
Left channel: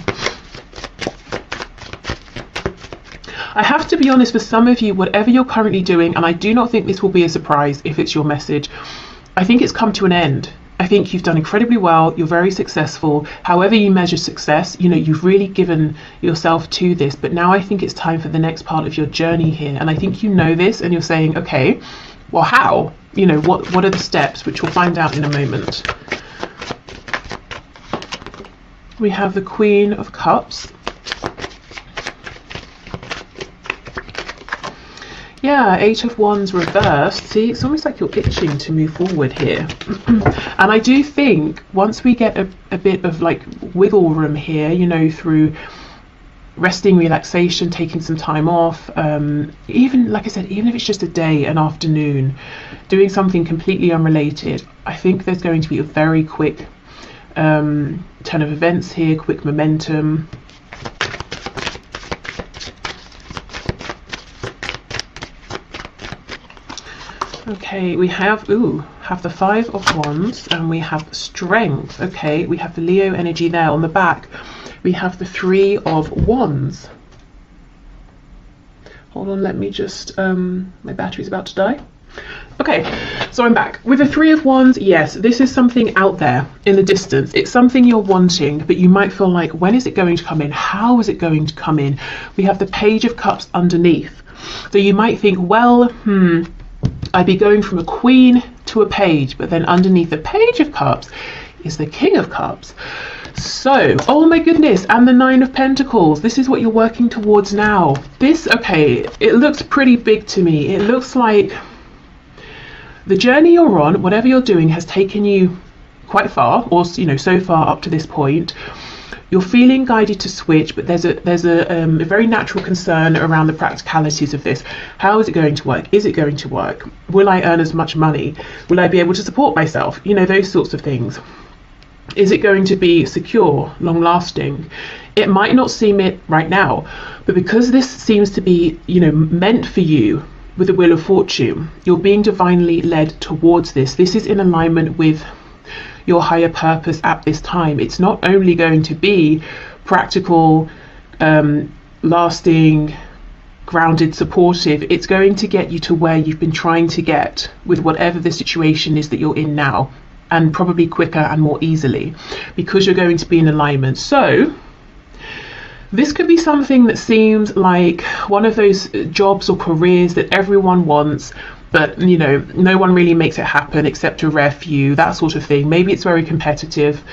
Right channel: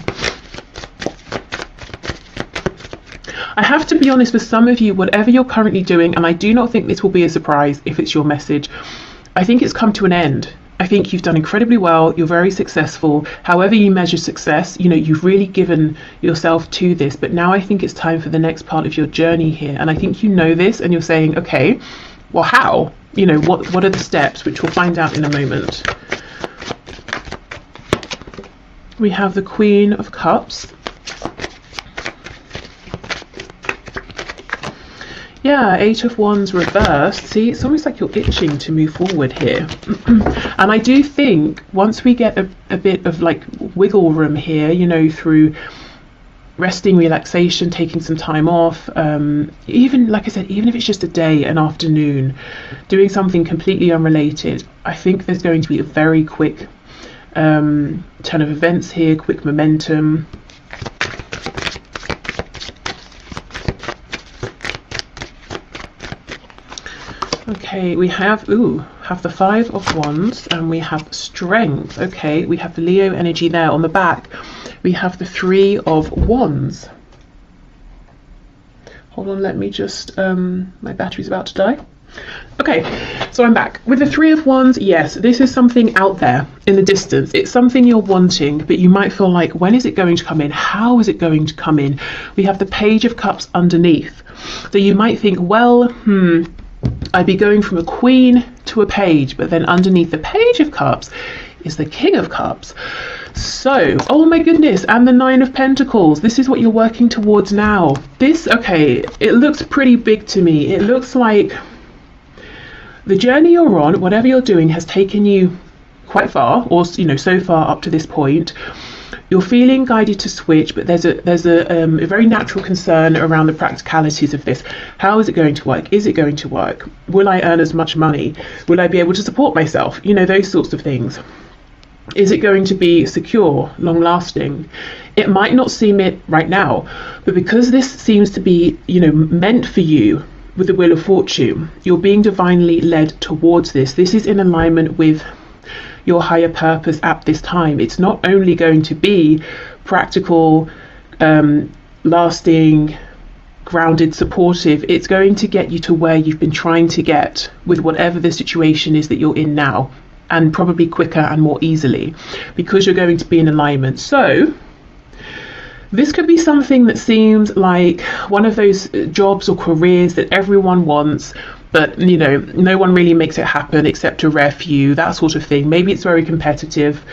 I have to be honest, with some of you, whatever you're currently doing, and I do not think this will be a surprise if it's your message, I think it's come to an end. I think you've done incredibly well, you're very successful. However you measure success, you know, you've really given yourself to this, but now I think it's time for the next part of your journey here. And I think you know this, and you're saying, okay, well, how? You know, what are the steps, which we'll find out in a moment. We have the Queen of Cups. Yeah, 8 of Wands reversed. See, it's almost like you're itching to move forward here. And I do think once we get a bit of like wiggle room here, you know, through resting, relaxation, taking some time off, even like I said, even if it's just a day, an afternoon, doing something completely unrelated, I think there's going to be a very quick turn of events here, quick momentum. Okay, we have the Five of Wands, and we have Strength. Okay, we have the Leo energy there on the back. We have the Three of Wands. Hold on, let me just, my battery's about to die. Okay, so I'm back. With the Three of Wands, yes, this is something out there in the distance. It's something you're wanting, but you might feel like, when is it going to come in? How is it going to come in? We have the Page of Cups underneath. So you might think, well, I'd be going from a queen to a page, but then underneath the Page of Cups is the King of Cups. So, oh my goodness, and the Nine of Pentacles. This is what you're working towards now. This, okay, it looks pretty big to me. It looks like the journey you're on, whatever you're doing, has taken you quite far, or so far up to this point. You're feeling guided to switch, but there's a very natural concern around the practicalities of this. How is it going to work? Is it going to work? Will I earn as much money? Will I be able to support myself? Those sorts of things. Is it going to be secure, long lasting? It might not seem it right now, but because this seems to be, meant for you with the Wheel of Fortune, you're being divinely led towards this. This is in alignment with your higher purpose at this time. It's not only going to be practical, lasting, grounded, supportive. It's going to get you to where you've been trying to get with whatever the situation is that you're in now, and probably quicker and more easily, because you're going to be in alignment. So this could be something that seems like one of those jobs or careers that everyone wants, but no one really makes it happen except a rare few, that sort of thing. Maybe it's very competitive.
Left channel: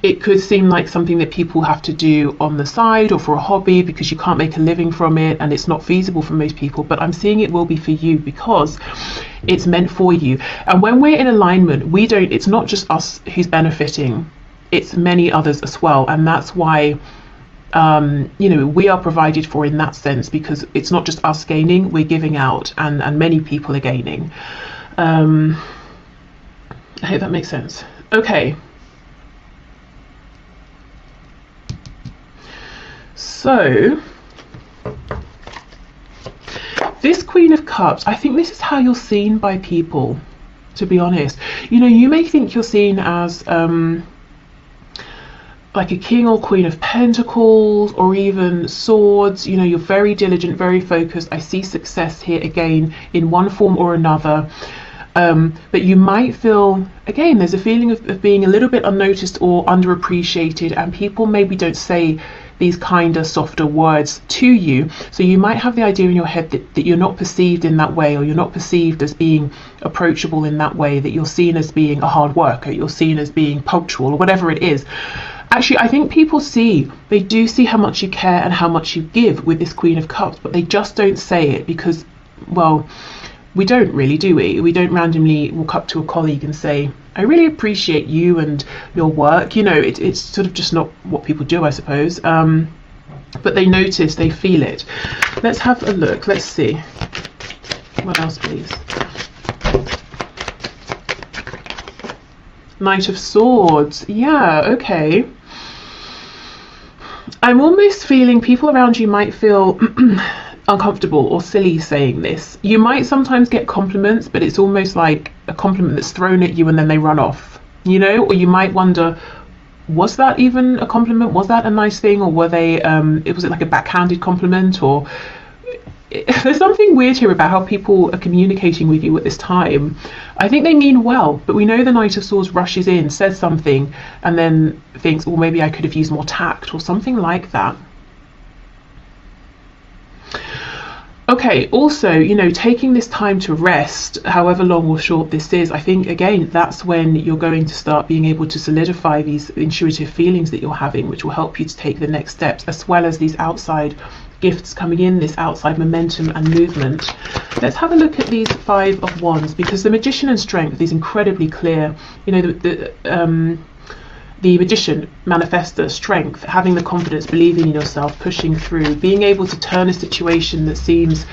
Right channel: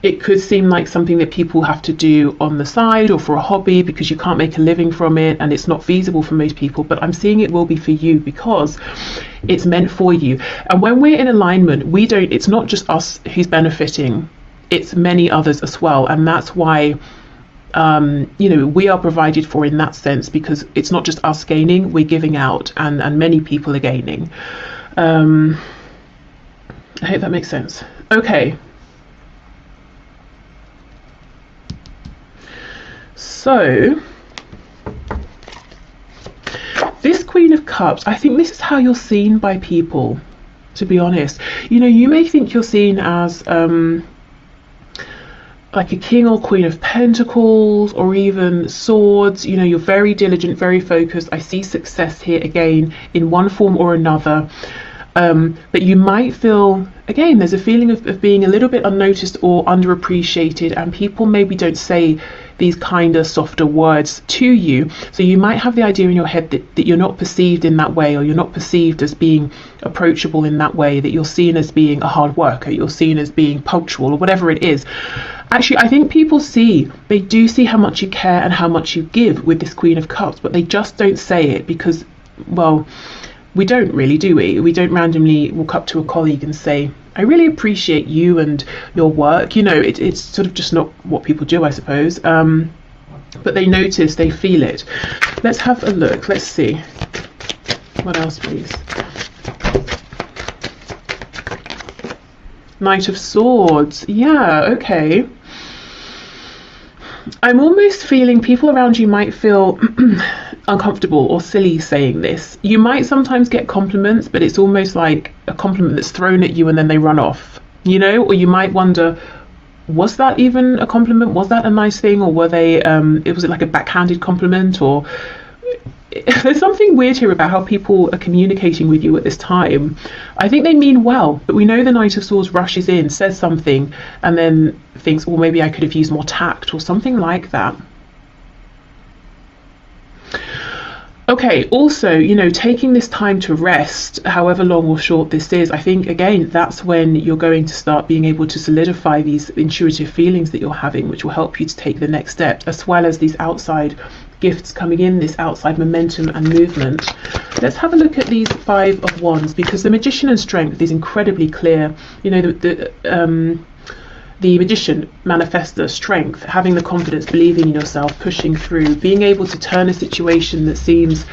It could seem like something that people have to do on the side or for a hobby because you can't make a living from it and it's not feasible for most people, but I'm seeing it will be for you because it's meant for you. And when we're in alignment, it's not just us who's benefiting, it's many others as well. And that's why we are provided for in that sense, because it's not just us gaining, we're giving out, and many people are gaining. I hope that makes sense. Okay. So, this Queen of Cups, I think this is how you're seen by people, to be honest. You may think you're seen as like a King or Queen of Pentacles, or even Swords. You're very diligent, very focused. I see success here again in one form or another. But you might feel, again, there's a feeling of being a little bit unnoticed or underappreciated, and people maybe don't say these kinder, softer words to you. So you might have the idea in your head that you're not perceived in that way, or you're not perceived as being approachable in that way, that you're seen as being a hard worker, you're seen as being punctual, or whatever it is. Actually, I think people they do see how much you care and how much you give with this Queen of Cups, but they just don't say it because, well, we don't really, do we? We don't randomly walk up to a colleague and say, I really appreciate you and your work. It's sort of just not what people do, I suppose. But they notice, they feel it. Let's have a look. Let's see. What else, please? Knight of Swords. Yeah, okay. I'm almost feeling people around you might feel uncomfortable or silly saying this. You might sometimes get compliments, but it's almost like a compliment that's thrown at you and then they run off, or you might wonder, was that even a compliment? Was that a nice thing? Or was it like a backhanded compliment? Or there's something weird here about how people are communicating with you at this time. I think they mean well, but we know the Knight of Swords rushes in, says something, and then thinks, oh, maybe I could have used more tact or something like that. Okay, also, taking this time to rest, however long or short this is, I think, again, that's when you're going to start being able to solidify these intuitive feelings that you're having, which will help you to take the next steps, as well as these outside gifts coming in, this outside momentum and movement. Let's have a look at these Five of Wands, because the Magician and Strength is incredibly clear. The Magician, manifestor, strength, having the confidence, believing in yourself, pushing through, being able to turn a situation that seems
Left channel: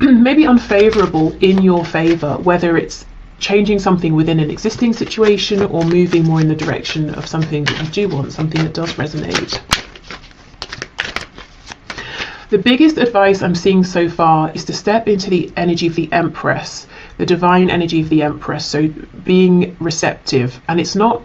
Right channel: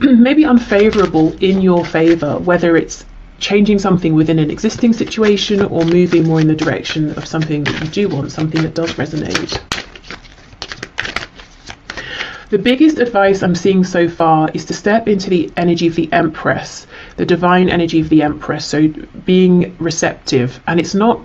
maybe unfavorable in your favor, whether it's changing something within an existing situation or moving more in the direction of something that you do want, something that does resonate. The biggest advice I'm seeing so far is to step into the energy of the Empress, the divine energy of the Empress. So being receptive, and it's not,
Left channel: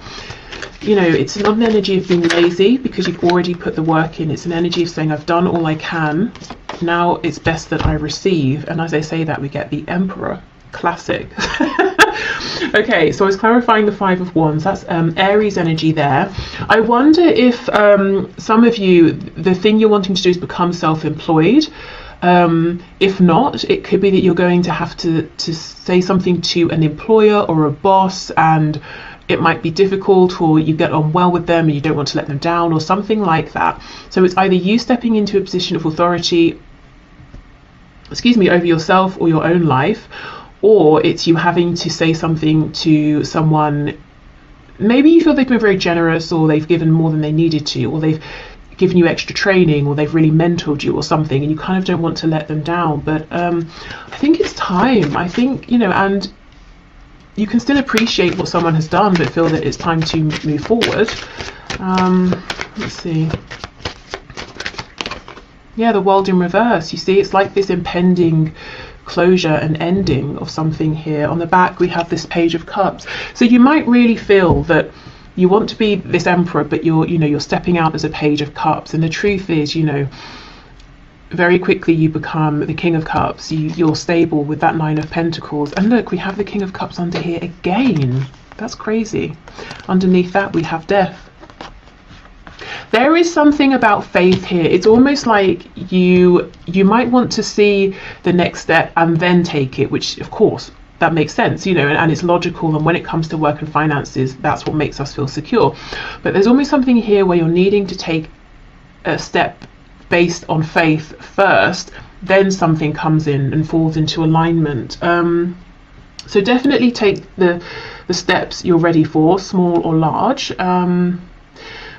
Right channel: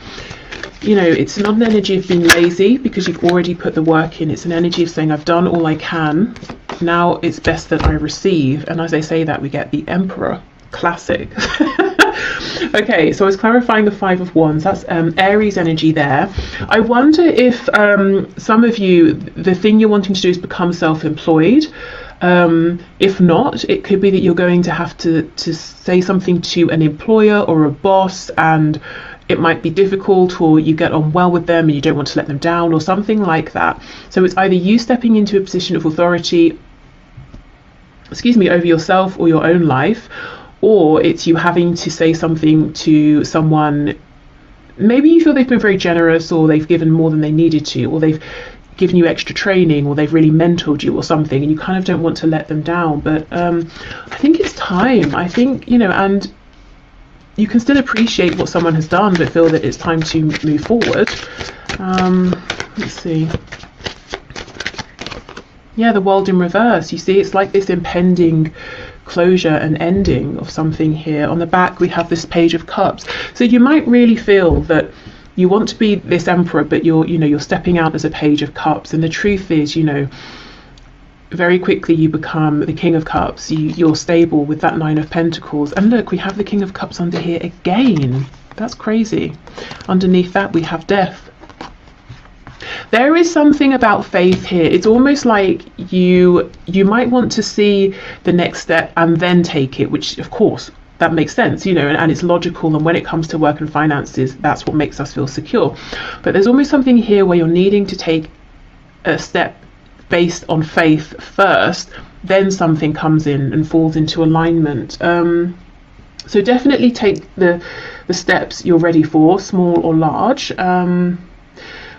it's not an energy of being lazy because you've already put the work in. It's an energy of saying, I've done all I can. Now it's best that I receive. And as I say that, we get the Emperor. Classic. Okay, so I was clarifying the Five of Wands. That's Aries energy there. I wonder if some of you, the thing you're wanting to do is become self-employed. If not, it could be that you're going to have to say something to an employer or a boss, and it might be difficult, or you get on well with them and you don't want to let them down, or something like that. So it's either you stepping into a position of authority, over yourself or your own life, or it's you having to say something to someone. Maybe you feel they've been very generous, or they've given more than they needed to, or they've given you extra training, or they've really mentored you or something, and you kind of don't want to let them down. But I think it's time. I think, and you can still appreciate what someone has done, but feel that it's time to move forward. Let's see. Yeah, the World in reverse. You see, it's like this impending closure and ending of something here. On the back, we have this Page of Cups. So you might really feel that you want to be this Emperor, but you're stepping out as a Page of Cups. And the truth is, very quickly you become the King of Cups. You're stable with that Nine of Pentacles. And look, we have the King of Cups under here again. That's crazy. Underneath that, we have Death. There is something about faith here. It's almost like you might want to see the next step and then take it, which of course that makes sense, and it's logical. And when it comes to work and finances, that's what makes us feel secure. But there's almost something here where you're needing to take a step based on faith first, then something comes in and falls into alignment. So definitely take the steps you're ready for, small or large.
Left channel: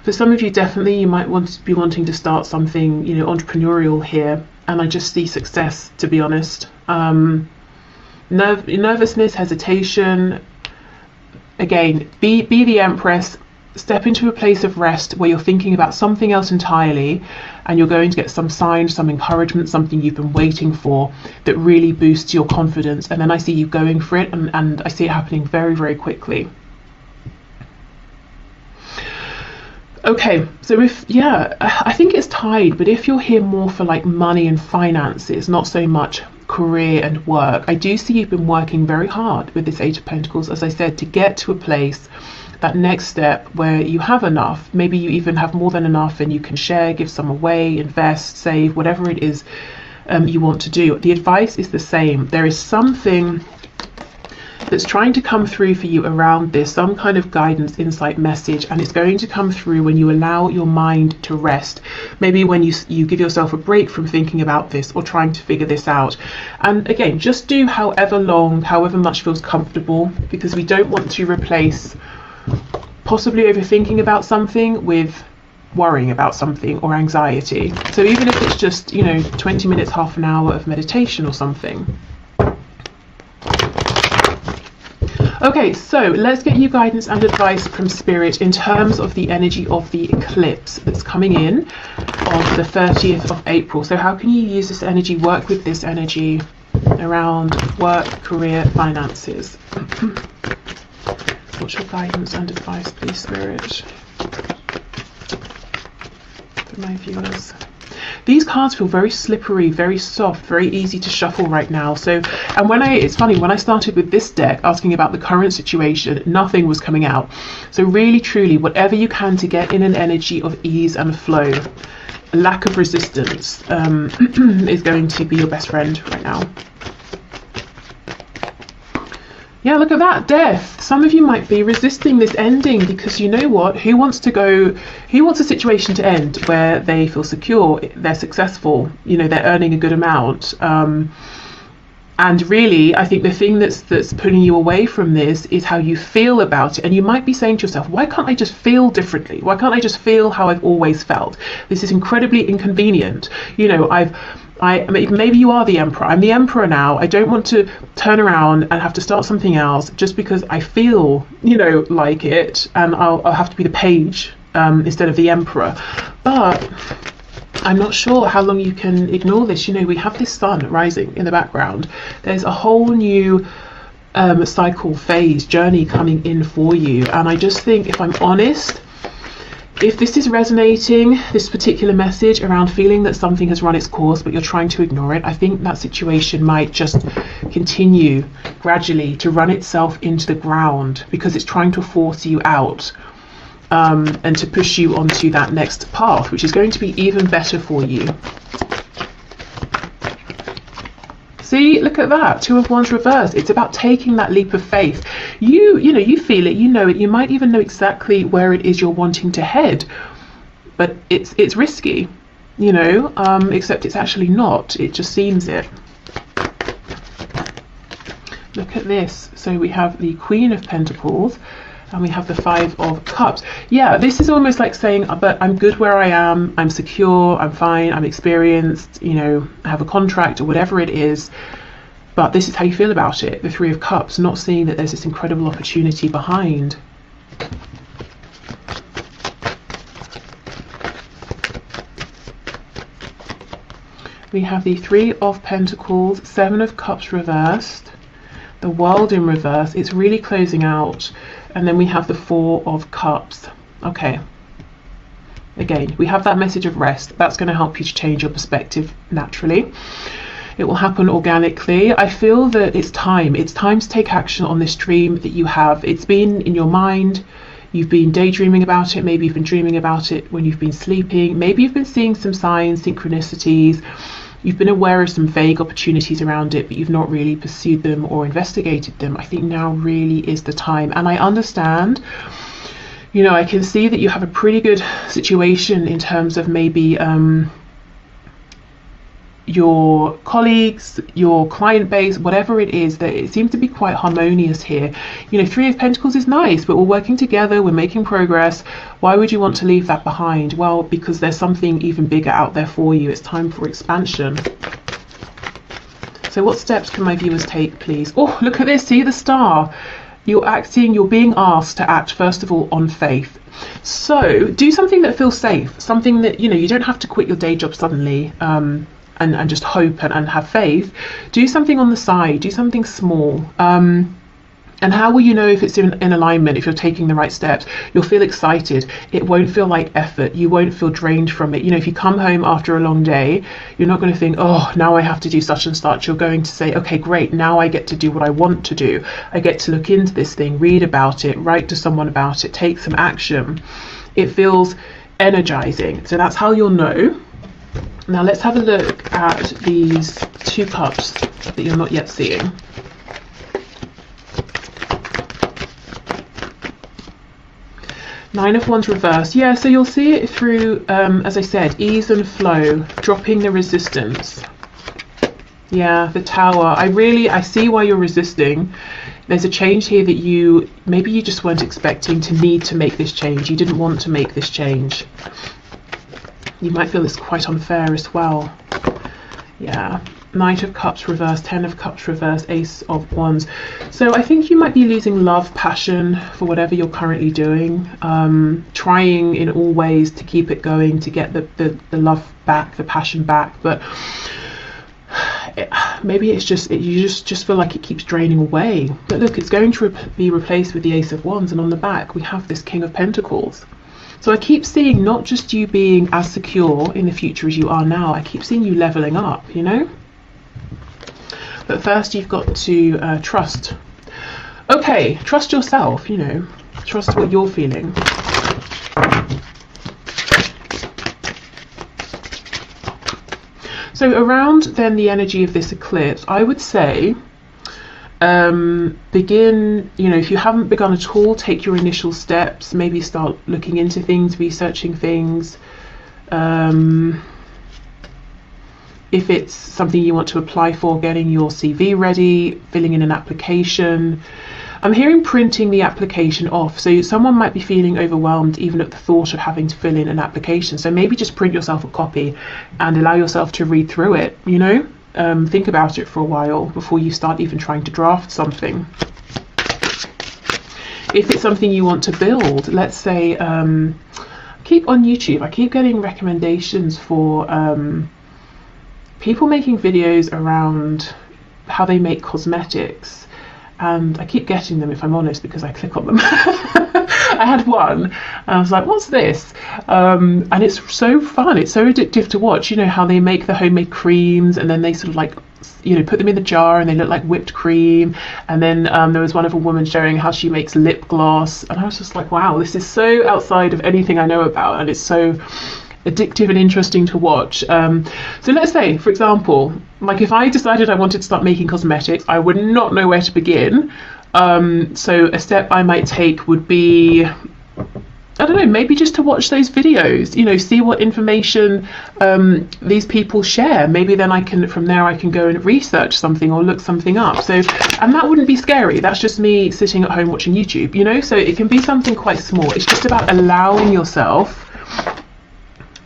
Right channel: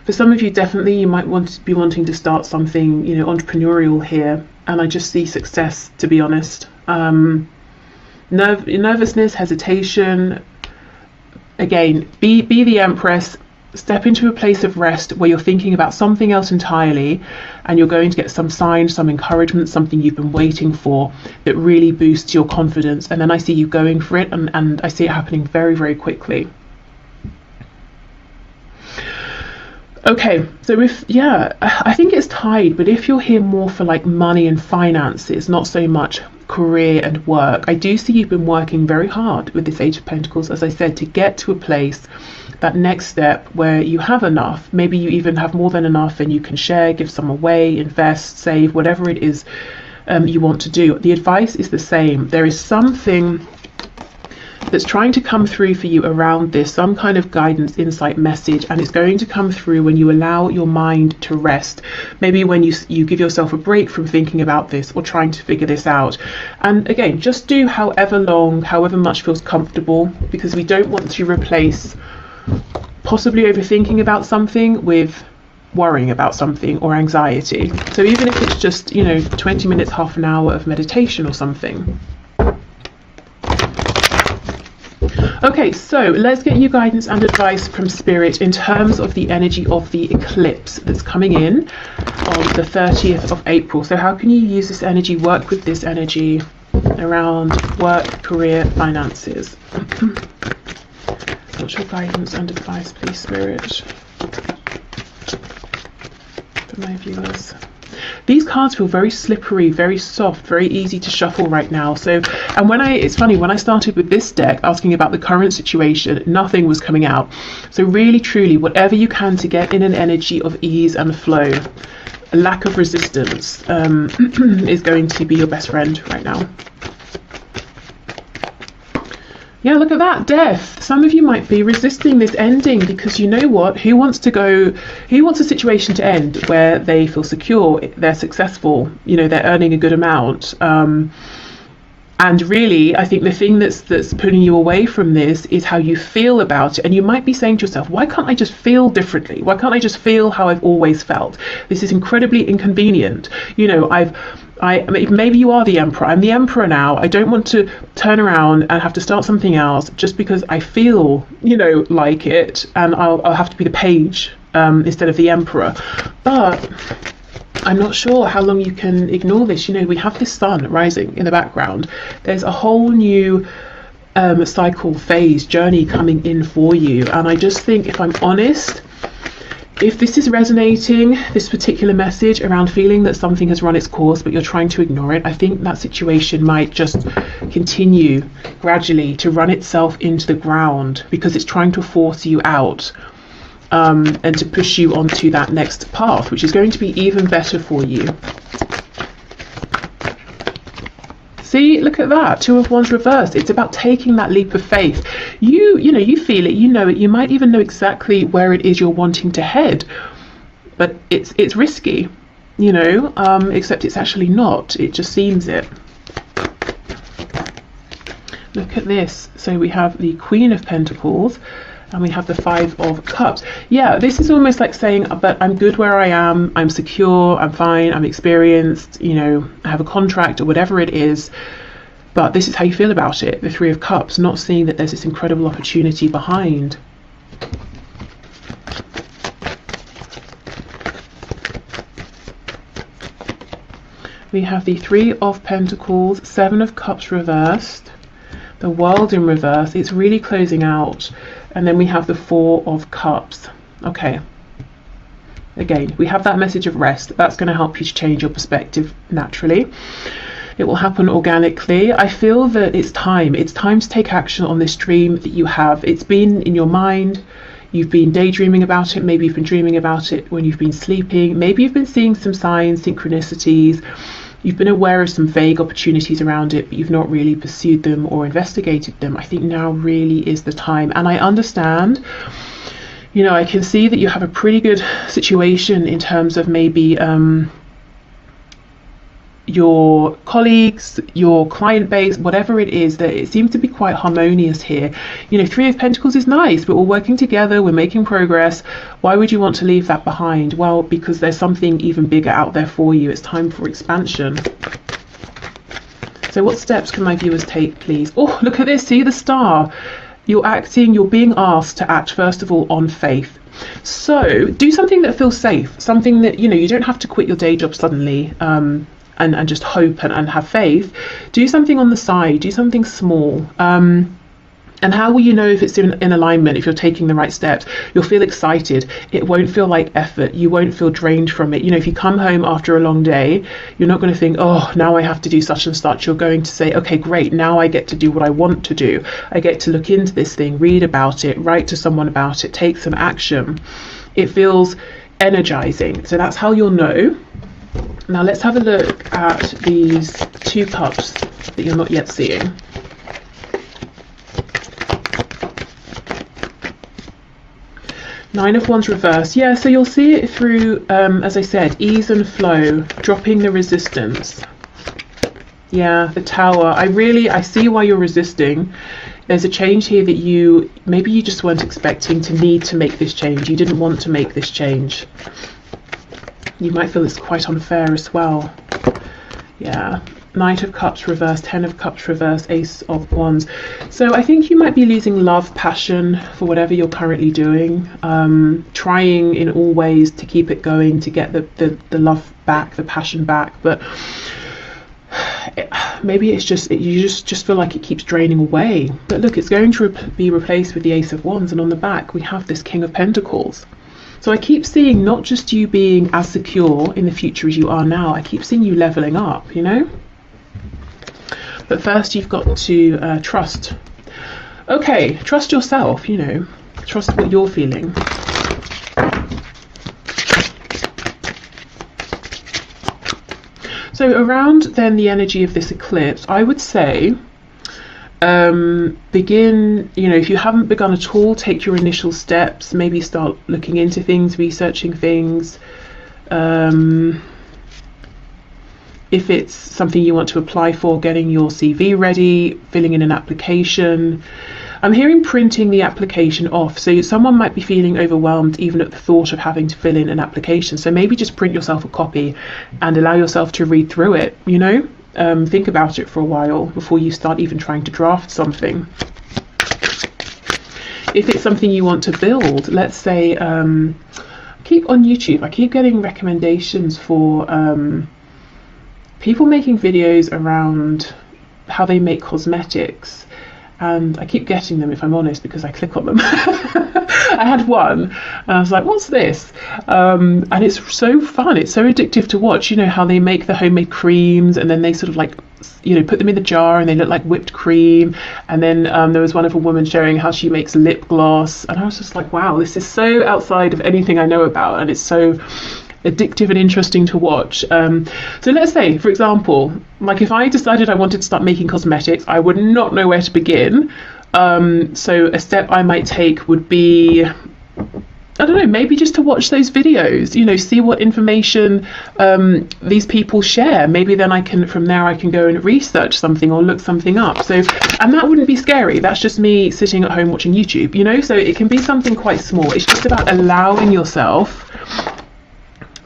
For some of you, definitely you might be wanting to start something, entrepreneurial here. And I just see success, to be honest. Nervousness, hesitation. Again, be the Empress. Step into a place of rest where you're thinking about something else entirely, and you're going to get some sign, some encouragement, something you've been waiting for that really boosts your confidence. And then I see you going for it, and I see it happening very, very quickly. Okay, so I think it's tied, but if you're here more for like money and finances, not so much career and work, I do see you've been working very hard with this Eight of Pentacles, as I said, to get to a place, that next step where you have enough. Maybe you even have more than enough and you can share, give some away, invest, save, whatever it is you want to do. The advice is the same. There is something that's trying to come through for you around this, some kind of guidance, insight, message, and it's going to come through when you allow your mind to rest. Maybe when you give yourself a break from thinking about this or trying to figure this out. And again, just do however long, however much feels comfortable, because we don't want to replace possibly overthinking about something with worrying about something or anxiety. So even if it's just 20 minutes, half an hour of meditation or something. Okay, so let's get you guidance and advice from Spirit in terms of the energy of the eclipse that's coming in on the 30th of April. So how can you use this energy, work with this energy around work, career, finances? What's your guidance and advice, please, Spirit, for my viewers? These cards feel very slippery, very soft, very easy to shuffle right now. So, and it's funny, when I started with this deck asking about the current situation, nothing was coming out. So really, truly, whatever you can to get in an energy of ease and flow, a lack of resistance is going to be your best friend right now. Yeah, look at that, Death. Some of you might be resisting this ending because you know what? Who wants a situation to end where they feel secure, they're successful, they're earning a good amount, And really, I think the thing that's pulling you away from this is how you feel about it. And you might be saying to yourself, why can't I just feel differently? Why can't I just feel how I've always felt? This is incredibly inconvenient. You know, maybe you are the emperor. I'm the emperor now. I don't want to turn around and have to start something else just because I feel, you know, like it, and I'll have to be the page instead of the emperor. But I'm not sure how long you can ignore this. You know, we have this sun rising in the background. There's a whole new cycle, phase, journey coming in for you. And I just think, if I'm honest, if this is resonating, this particular message around feeling that something has run its course but you're trying to ignore it, I think that situation might just continue gradually to run itself into the ground because it's trying to force you out. And to push you onto that next path, which is going to be even better for you. See, look at that, 2 of Wands reversed. It's about taking that leap of faith. You know, you feel it, you know it, you might even know exactly where it is you're wanting to head, but it's risky, you know, except it's actually not. It just seems it. Look at this. So we have the Queen of Pentacles, and we have the 5 of Cups. Yeah, this is almost like saying, but I'm good where I am, I'm secure, I'm fine, I'm experienced, you know, I have a contract or whatever it is, but this is how you feel about it, the 3 of Cups, not seeing that there's this incredible opportunity behind. We have the 3 of Pentacles, 7 of Cups reversed, the World in reverse. It's really closing out. And then we have the 4 of Cups. Okay. Again, we have that message of rest. That's going to help you to change your perspective naturally. It will happen organically. I feel that it's time. It's time to take action on this dream that you have. It's been in your mind. You've been daydreaming about it. Maybe you've been dreaming about it when you've been sleeping. Maybe you've been seeing some signs, synchronicities. You've been aware of some vague opportunities around it, but you've not really pursued them or investigated them. I think now really is the time. And I understand, you know, I can see that you have a pretty good situation in terms of maybe your colleagues, your client base, whatever it is, that it seems to be quite harmonious here. You know, 3 of Pentacles is nice. We're all working together, we're making progress. Why would you want to leave that behind? Well, because there's something even bigger out there for you. It's time for expansion. So what steps can my viewers take, please? Oh, look at this, see the star. You're being asked to act, first of all, on faith. So do something that feels safe, something that, you know, you don't have to quit your day job suddenly, and just hope and have faith. Do something on the side, do something small. And how will you know if it's in alignment, if you're taking the right steps? You'll feel excited. It won't feel like effort. You won't feel drained from it. You know, if you come home after a long day, you're not going to think, oh, now I have to do such and such. You're going to say, okay, great, now I get to do what I want to do. I get to look into this thing, read about it, write to someone about it, take some action. It feels energizing. So that's how you'll know. Now let's have a look at these 2 cups that you're not yet seeing. Nine of Wands reverse. Yeah, so you'll see it through, as I said, ease and flow, dropping the resistance. Yeah, the Tower. I see why you're resisting. There's a change here that maybe you just weren't expecting to need to make this change. You didn't want to make this change. You might feel it's quite unfair as well. Yeah. Knight of Cups reverse, 10 of Cups reverse, Ace of Wands. So I think you might be losing love, passion for whatever you're currently doing. Trying in all ways to keep it going, to get the love back, the passion back. But maybe it's just, you just feel like it keeps draining away. But look, it's going to be replaced with the Ace of Wands. And on the back, we have this King of Pentacles. So I keep seeing not just you being as secure in the future as you are now, I keep seeing you leveling up, you know? But first you've got to trust. Okay, trust yourself, you know. Trust what you're feeling. So around then the energy of this eclipse, I would say begin, you know, if you haven't begun at all, take your initial steps, maybe start looking into things, researching things. if it's something you want to apply for, getting your CV ready, filling in an application. I'm hearing printing the application off. So someone might be feeling overwhelmed even at the thought of having to fill in an application. So maybe just print yourself a copy and allow yourself to read through it, you know? Think about it for a while before you start even trying to draft something. If it's something you want to build, let's say, keep on YouTube, I keep getting recommendations for people making videos around how they make cosmetics. And I keep getting them, if I'm honest, because I click on them. I had one and I was like, what's this? And it's so fun, it's so addictive to watch, you know, how they make the homemade creams and then they sort of like, you know, put them in the jar and they look like whipped cream. And then there was one of a woman showing how she makes lip gloss, and I was just like, wow, this is so outside of anything I know about, and it's so addictive and interesting to watch. So let's say, for example, like if I decided I wanted to start making cosmetics, I would not know where to begin. So a step I might take would be, I don't know, maybe just to watch those videos, you know, see what information these people share. Maybe then from there I can go and research something or look something up. So, and that wouldn't be scary. That's just me sitting at home watching YouTube, you know, so it can be something quite small. It's just about allowing yourself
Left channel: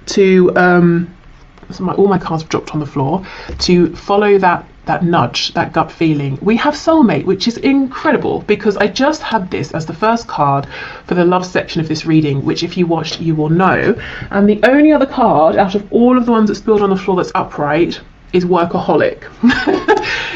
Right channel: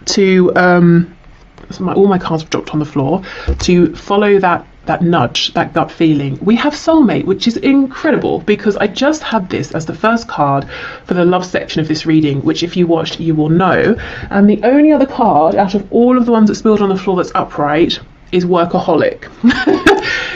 to all my cards have dropped on the floor, to follow that nudge, that gut feeling. We have soulmate, which is incredible, because I just had this as the first card for the love section of this reading, which if you watched you will know. And the only other card out of all of the ones that spilled on the floor that's upright is workaholic.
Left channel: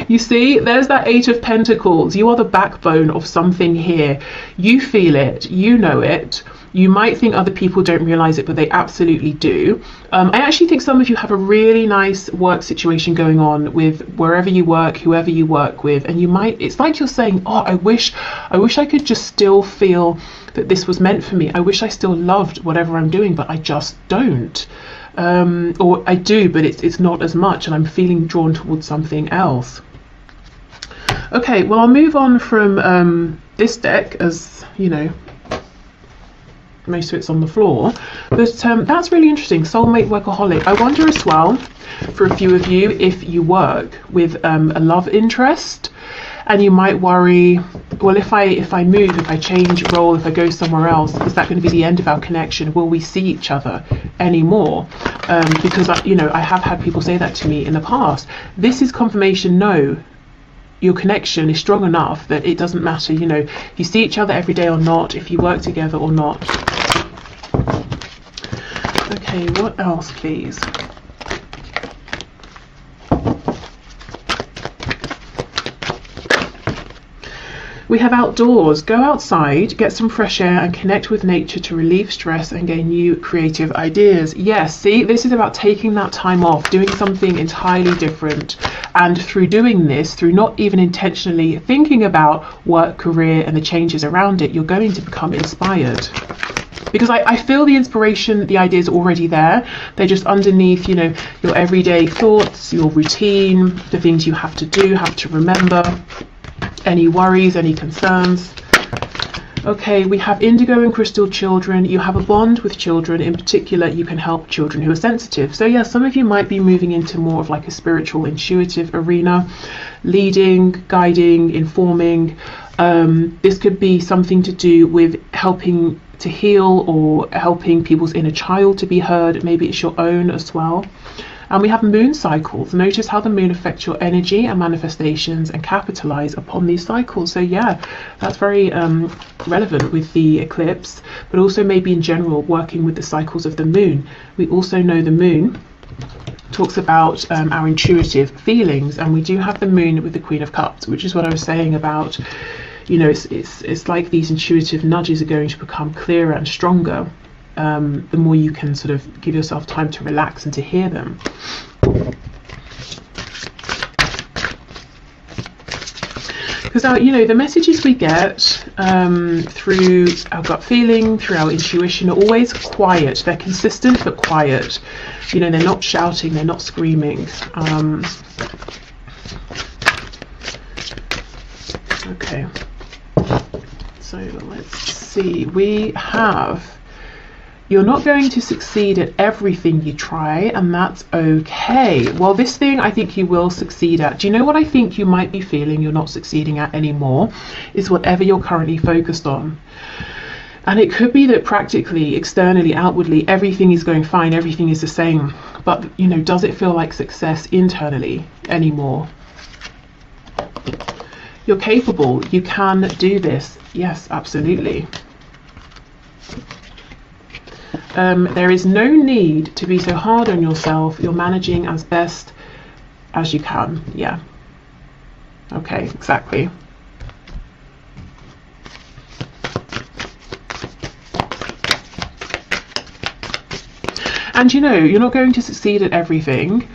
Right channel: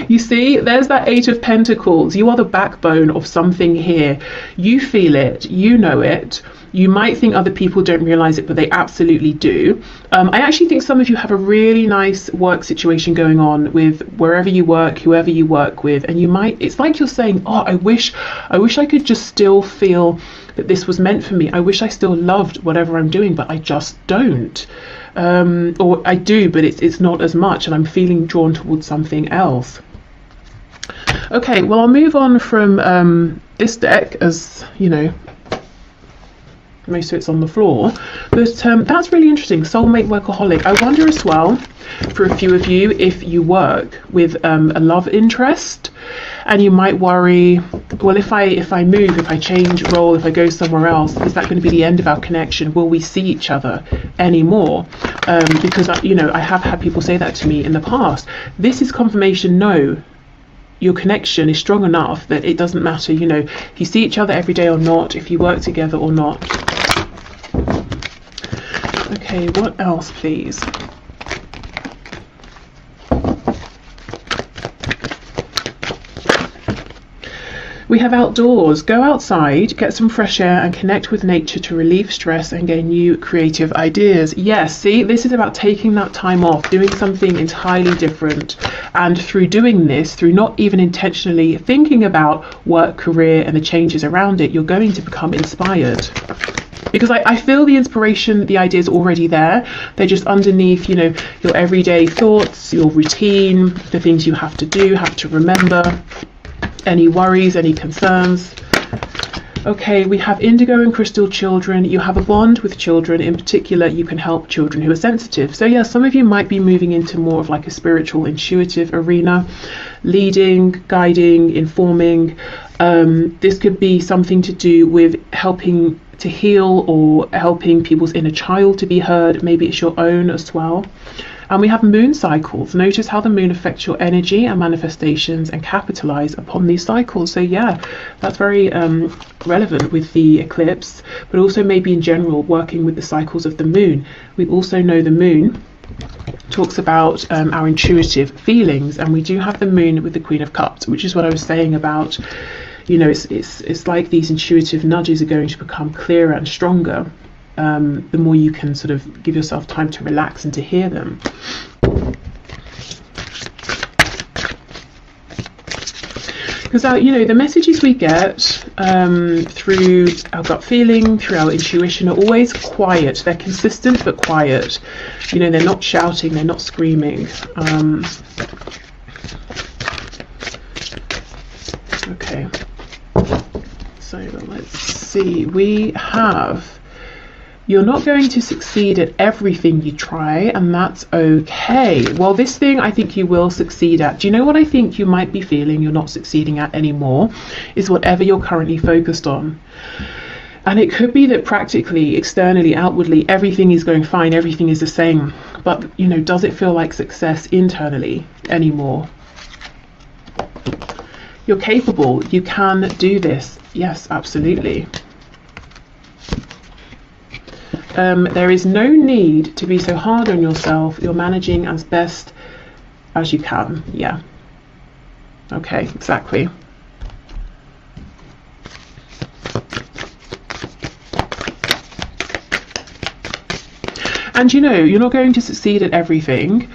You see, there's that Eight of Pentacles. You are the backbone of something here. You feel it, you know it. You might think other people don't realize it, but they absolutely do. I actually think some of you have a really nice work situation going on with wherever you work, whoever you work with, and it's like you're saying, oh, I wish I could just still feel that this was meant for me. I wish I still loved whatever I'm doing, but I just don't. Or I do, but it's not as much, and I'm feeling drawn towards something else. Okay, well, I'll move on from this deck, as you know, most of it's on the floor, but that's really interesting. Soulmate, workaholic. I wonder as well, for a few of you, if you work with a love interest, and you might worry, well, if I move, if I change role, if I go somewhere else, is that going to be the end of our connection? Will we see each other anymore? Because you know, I have had people say that to me in the past. This is confirmation. No, your connection is strong enough that it doesn't matter, you know, if you see each other every day or not, if you work together or not. Okay, what else, please? We have outdoors. Go outside, get some fresh air and connect with nature to relieve stress and gain new creative ideas. Yes, see, this is about taking that time off, doing something entirely different. And through doing this, through not even intentionally thinking about work, career and the changes around it, you're going to become inspired. Because I feel the inspiration, the ideas are already there. They're just underneath, you know, your everyday thoughts, your routine, the things you have to do, have to remember. Any worries, any concerns. Okay, we have indigo and crystal children. You have a bond with children. In particular, you can help children who are sensitive. So yeah, some of you might be moving into more of like a spiritual, intuitive arena, leading, guiding, informing. This could be something to do with helping to heal or helping people's inner child to be heard. Maybe it's your own as well. And we have moon cycles. Notice how the moon affects your energy and manifestations and capitalize upon these cycles. So yeah, that's very relevant with the eclipse, but also maybe in general working with the cycles of the moon. We also know the moon talks about our intuitive feelings, and we do have the moon with the Queen of Cups, which is what I was saying about, you know, it's like these intuitive nudges are going to become clearer and stronger. The more you can sort of give yourself time to relax and to hear them. Because you know, the messages we get through our gut feeling, through our intuition, are always quiet. They're consistent but quiet. You know, they're not shouting, they're not screaming. Okay, so let's see. We have You're not going to succeed at everything you try, and that's okay. Well, this thing I think you will succeed at. Do you know what I think you might be feeling you're not succeeding at anymore? Is whatever you're currently focused on. And it could be that practically, externally, outwardly, everything is going fine, everything is the same. But, you know, does it feel like success internally anymore? You're capable. You can do this. Yes, absolutely. There is no need to be so hard on yourself. You're managing as best as you can. Yeah. Okay, exactly. And you know, you're not going to succeed at everything.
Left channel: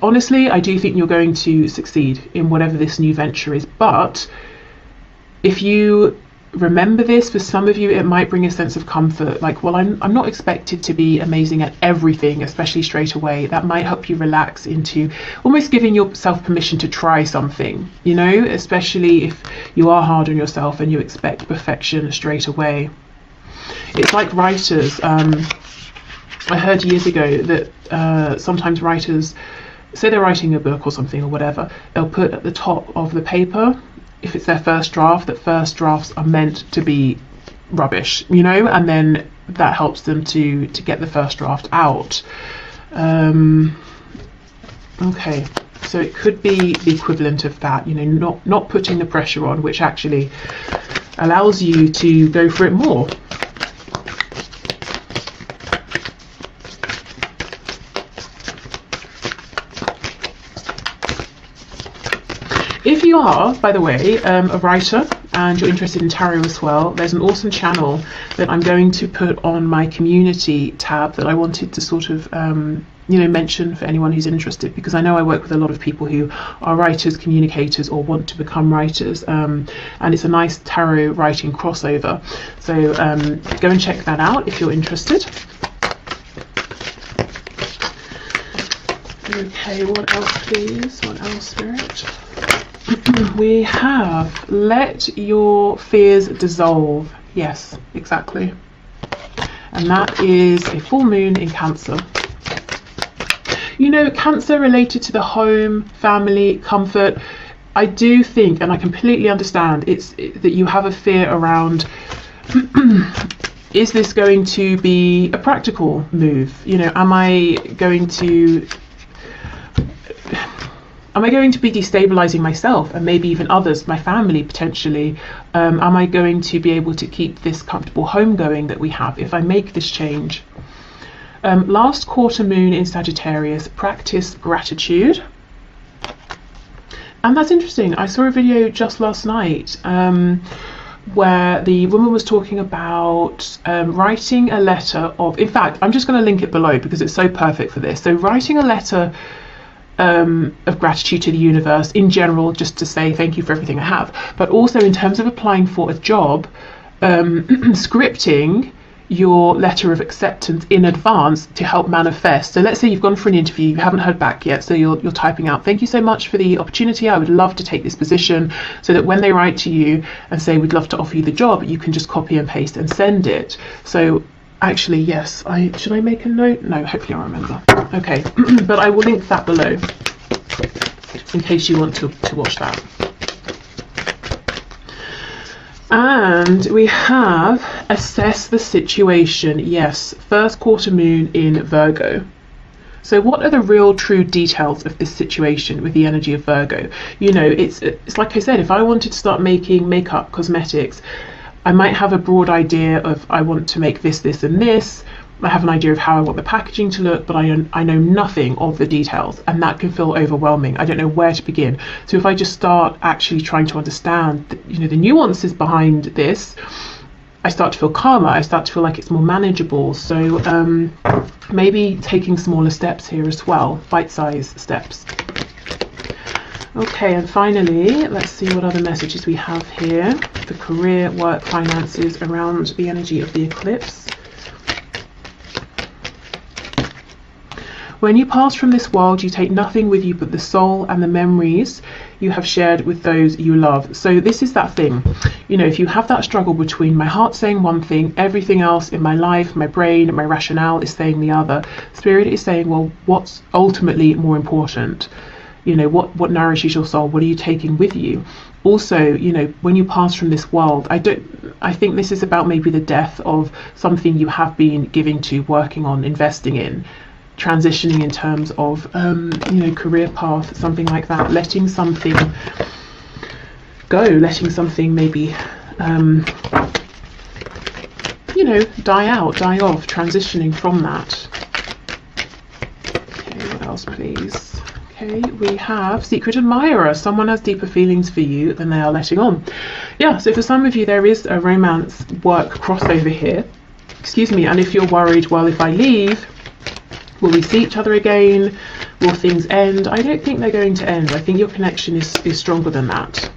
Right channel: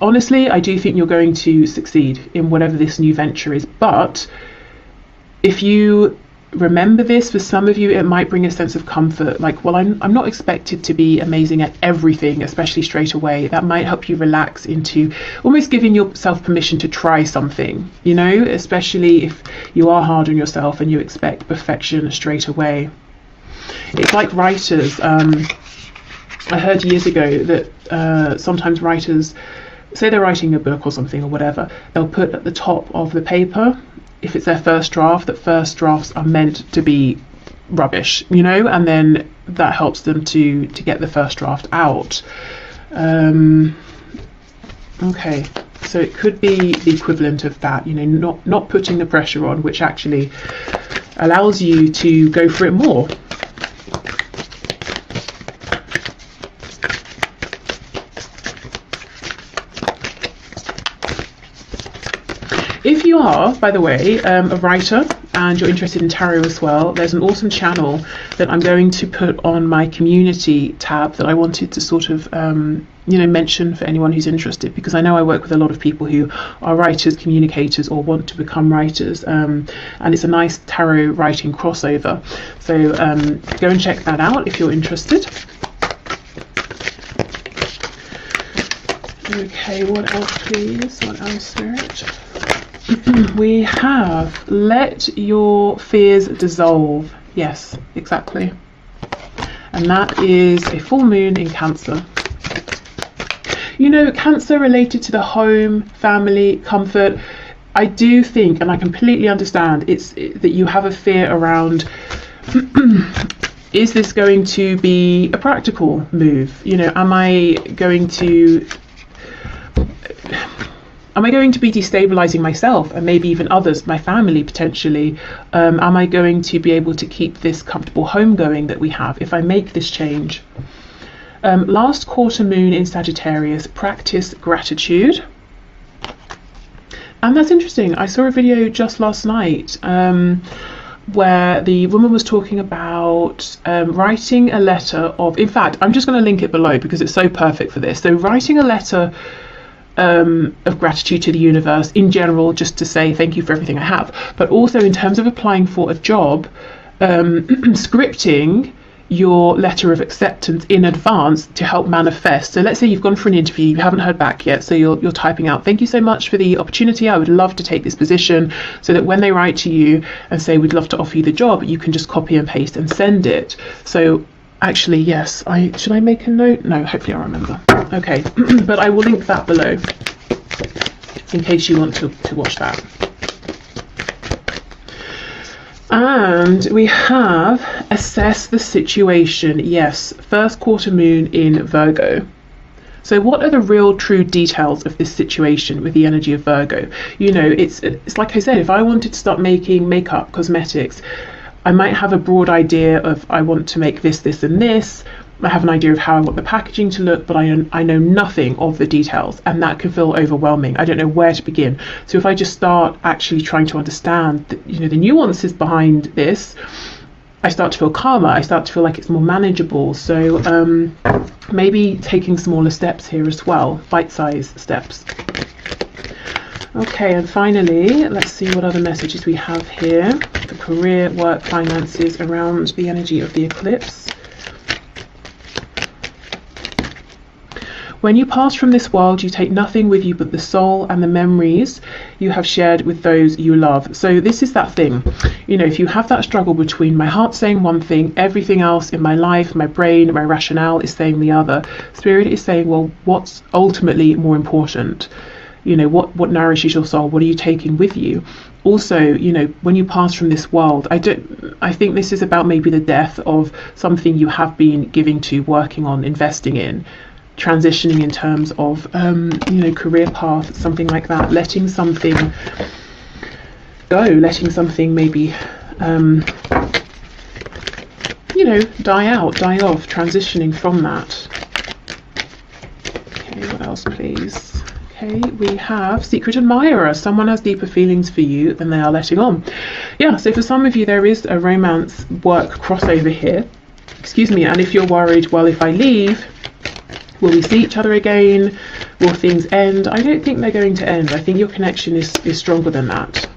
Honestly, I do think you're going to succeed in whatever this new venture is. But if you remember this, for some of you it might bring a sense of comfort, like, well, I'm not expected to be amazing at everything, especially straight away. That might help you relax into almost giving yourself permission to try something, you know, especially if you are hard on yourself and you expect perfection straight away. It's like writers. I heard years ago that sometimes writers, say they're writing a book or something or whatever, they'll put at the top of the paper, if it's their first draft, that first drafts are meant to be rubbish, you know, and then that helps them to get the first draft out. Okay, so it could be the equivalent of that, you know, not putting the pressure on, which actually allows you to go for it more. If you are, by the way, a writer and you're interested in tarot as well, there's an awesome channel that I'm going to put on my community tab that I wanted to sort of, you know, mention for anyone who's interested, because I know I work with a lot of people who are writers, communicators, or want to become writers, and it's a nice tarot writing crossover. So go and check that out if you're interested. Okay, what else please? What else, Spirit? We have let your fears dissolve. Yes, exactly. And that is a full moon in Cancer. You know, Cancer related to the home, family, comfort. I do think, and I completely understand, that you have a fear around is this going to be a practical move? You know, am I going to be destabilizing myself and maybe even others, my family potentially? Am I going to be able to keep this comfortable home going that we have if I make this change? Last quarter moon in Sagittarius, practice gratitude. And that's interesting. I saw a video just last night where the woman was talking about writing a letter of, in fact, I'm just going to link it below because it's so perfect for this. So writing a letter of gratitude to the universe in general, just to say thank you for everything I have, but also in terms of applying for a job, scripting your letter of acceptance in advance to help manifest. So let's say you've gone for an interview, you haven't heard back yet, so you're typing out, thank you so much for the opportunity, I would love to take this position, so that when they write to you and say we'd love to offer you the job, you can just copy and paste and send it. So actually, yes, should I make a note? No, hopefully I remember. Okay, but I will link that below in case you want to watch that. And we have assess the situation. Yes, first quarter moon in Virgo. So what are the real true details of this situation with the energy of Virgo? You know, it's like I said, if I wanted to start making makeup, cosmetics, I might have a broad idea of I want to make this, this and this. I have an idea of how I want the packaging to look, but I know nothing of the details, and that can feel overwhelming. I don't know where to begin. So if I just start actually trying to understand the nuances behind this, I start to feel calmer. I start to feel like it's more manageable. So maybe taking smaller steps here as well, bite-sized steps. Okay, and finally, let's see what other messages we have here. The career, work, finances around the energy of the eclipse. When you pass from this world, you take nothing with you but the soul and the memories you have shared with those you love. So this is that thing, you know, if you have that struggle between my heart saying one thing, everything else in my life, my brain, my rationale is saying the other. Spirit is saying, well, what's ultimately more important? You know, what nourishes your soul? What are you taking with you? Also, you know, when you pass from this world, I think this is about maybe the death of something you have been giving to, working on, investing in, transitioning in terms of, you know, career path, something like that, letting something go, letting something maybe, you know, die out, die off, transitioning from that. Okay, what else, please? Okay, we have secret admirer. Someone has deeper feelings for you than they are letting on. Yeah, so for some of you, there is a romance work crossover here. Excuse me, and if you're worried, well, if I leave, will we see each other again? Will things end? I don't think they're going to end. I think your connection is stronger than that.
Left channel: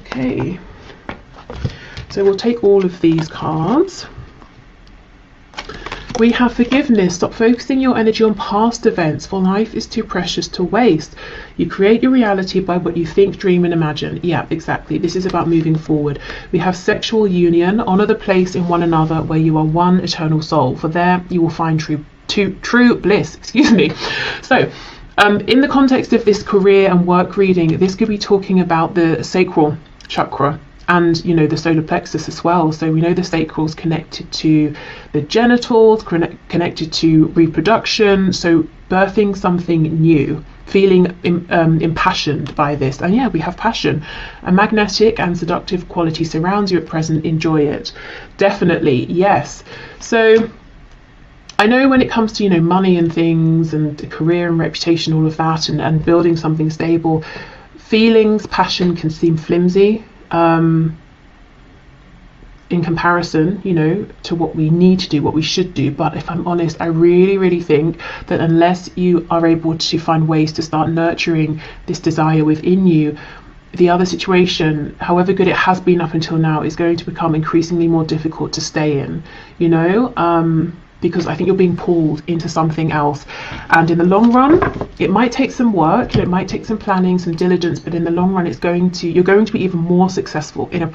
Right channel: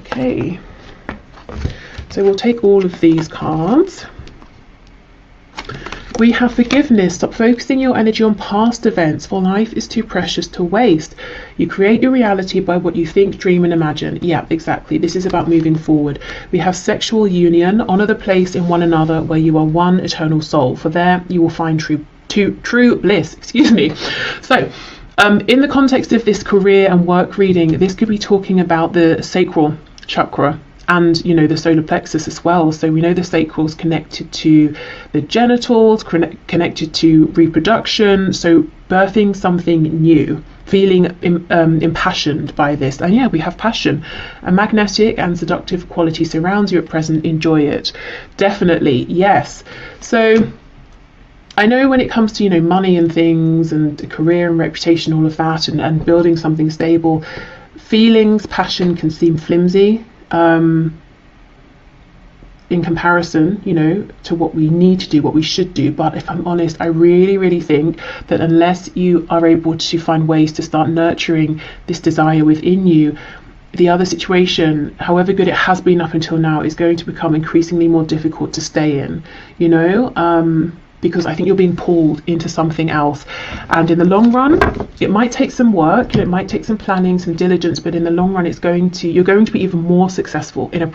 Okay, so we'll take all of these cards. We have forgiveness. Stop focusing your energy on past events, for life is too precious to waste. You create your reality by what you think, dream and imagine. Yeah, exactly. This is about moving forward. We have sexual union. Honor the place in one another where you are one eternal soul. For there you will find true bliss. Excuse me. So in the context of this career and work reading, this could be talking about the sacral chakra and, you know, the solar plexus as well. So we know the sacral is connected to the genitals, connected to reproduction, so birthing something new, feeling impassioned by this. And yeah, we have passion. A magnetic and seductive quality surrounds you at present. Enjoy it. Definitely, yes. So I know when it comes to, you know, money and things and career and reputation, all of that, and building something stable, feelings, passion can seem flimsy in comparison, you know, to what we need to do, what we should do. But if I'm honest, I really think that unless you are able to find ways to start nurturing this desire within you, the other situation, however good it has been up until now, is going to become increasingly more difficult to stay in, you know, because I think you're being pulled into something else. And in the long run, it might take some work, it might take some planning, some diligence, but in the long run, you're going to be even more successful in a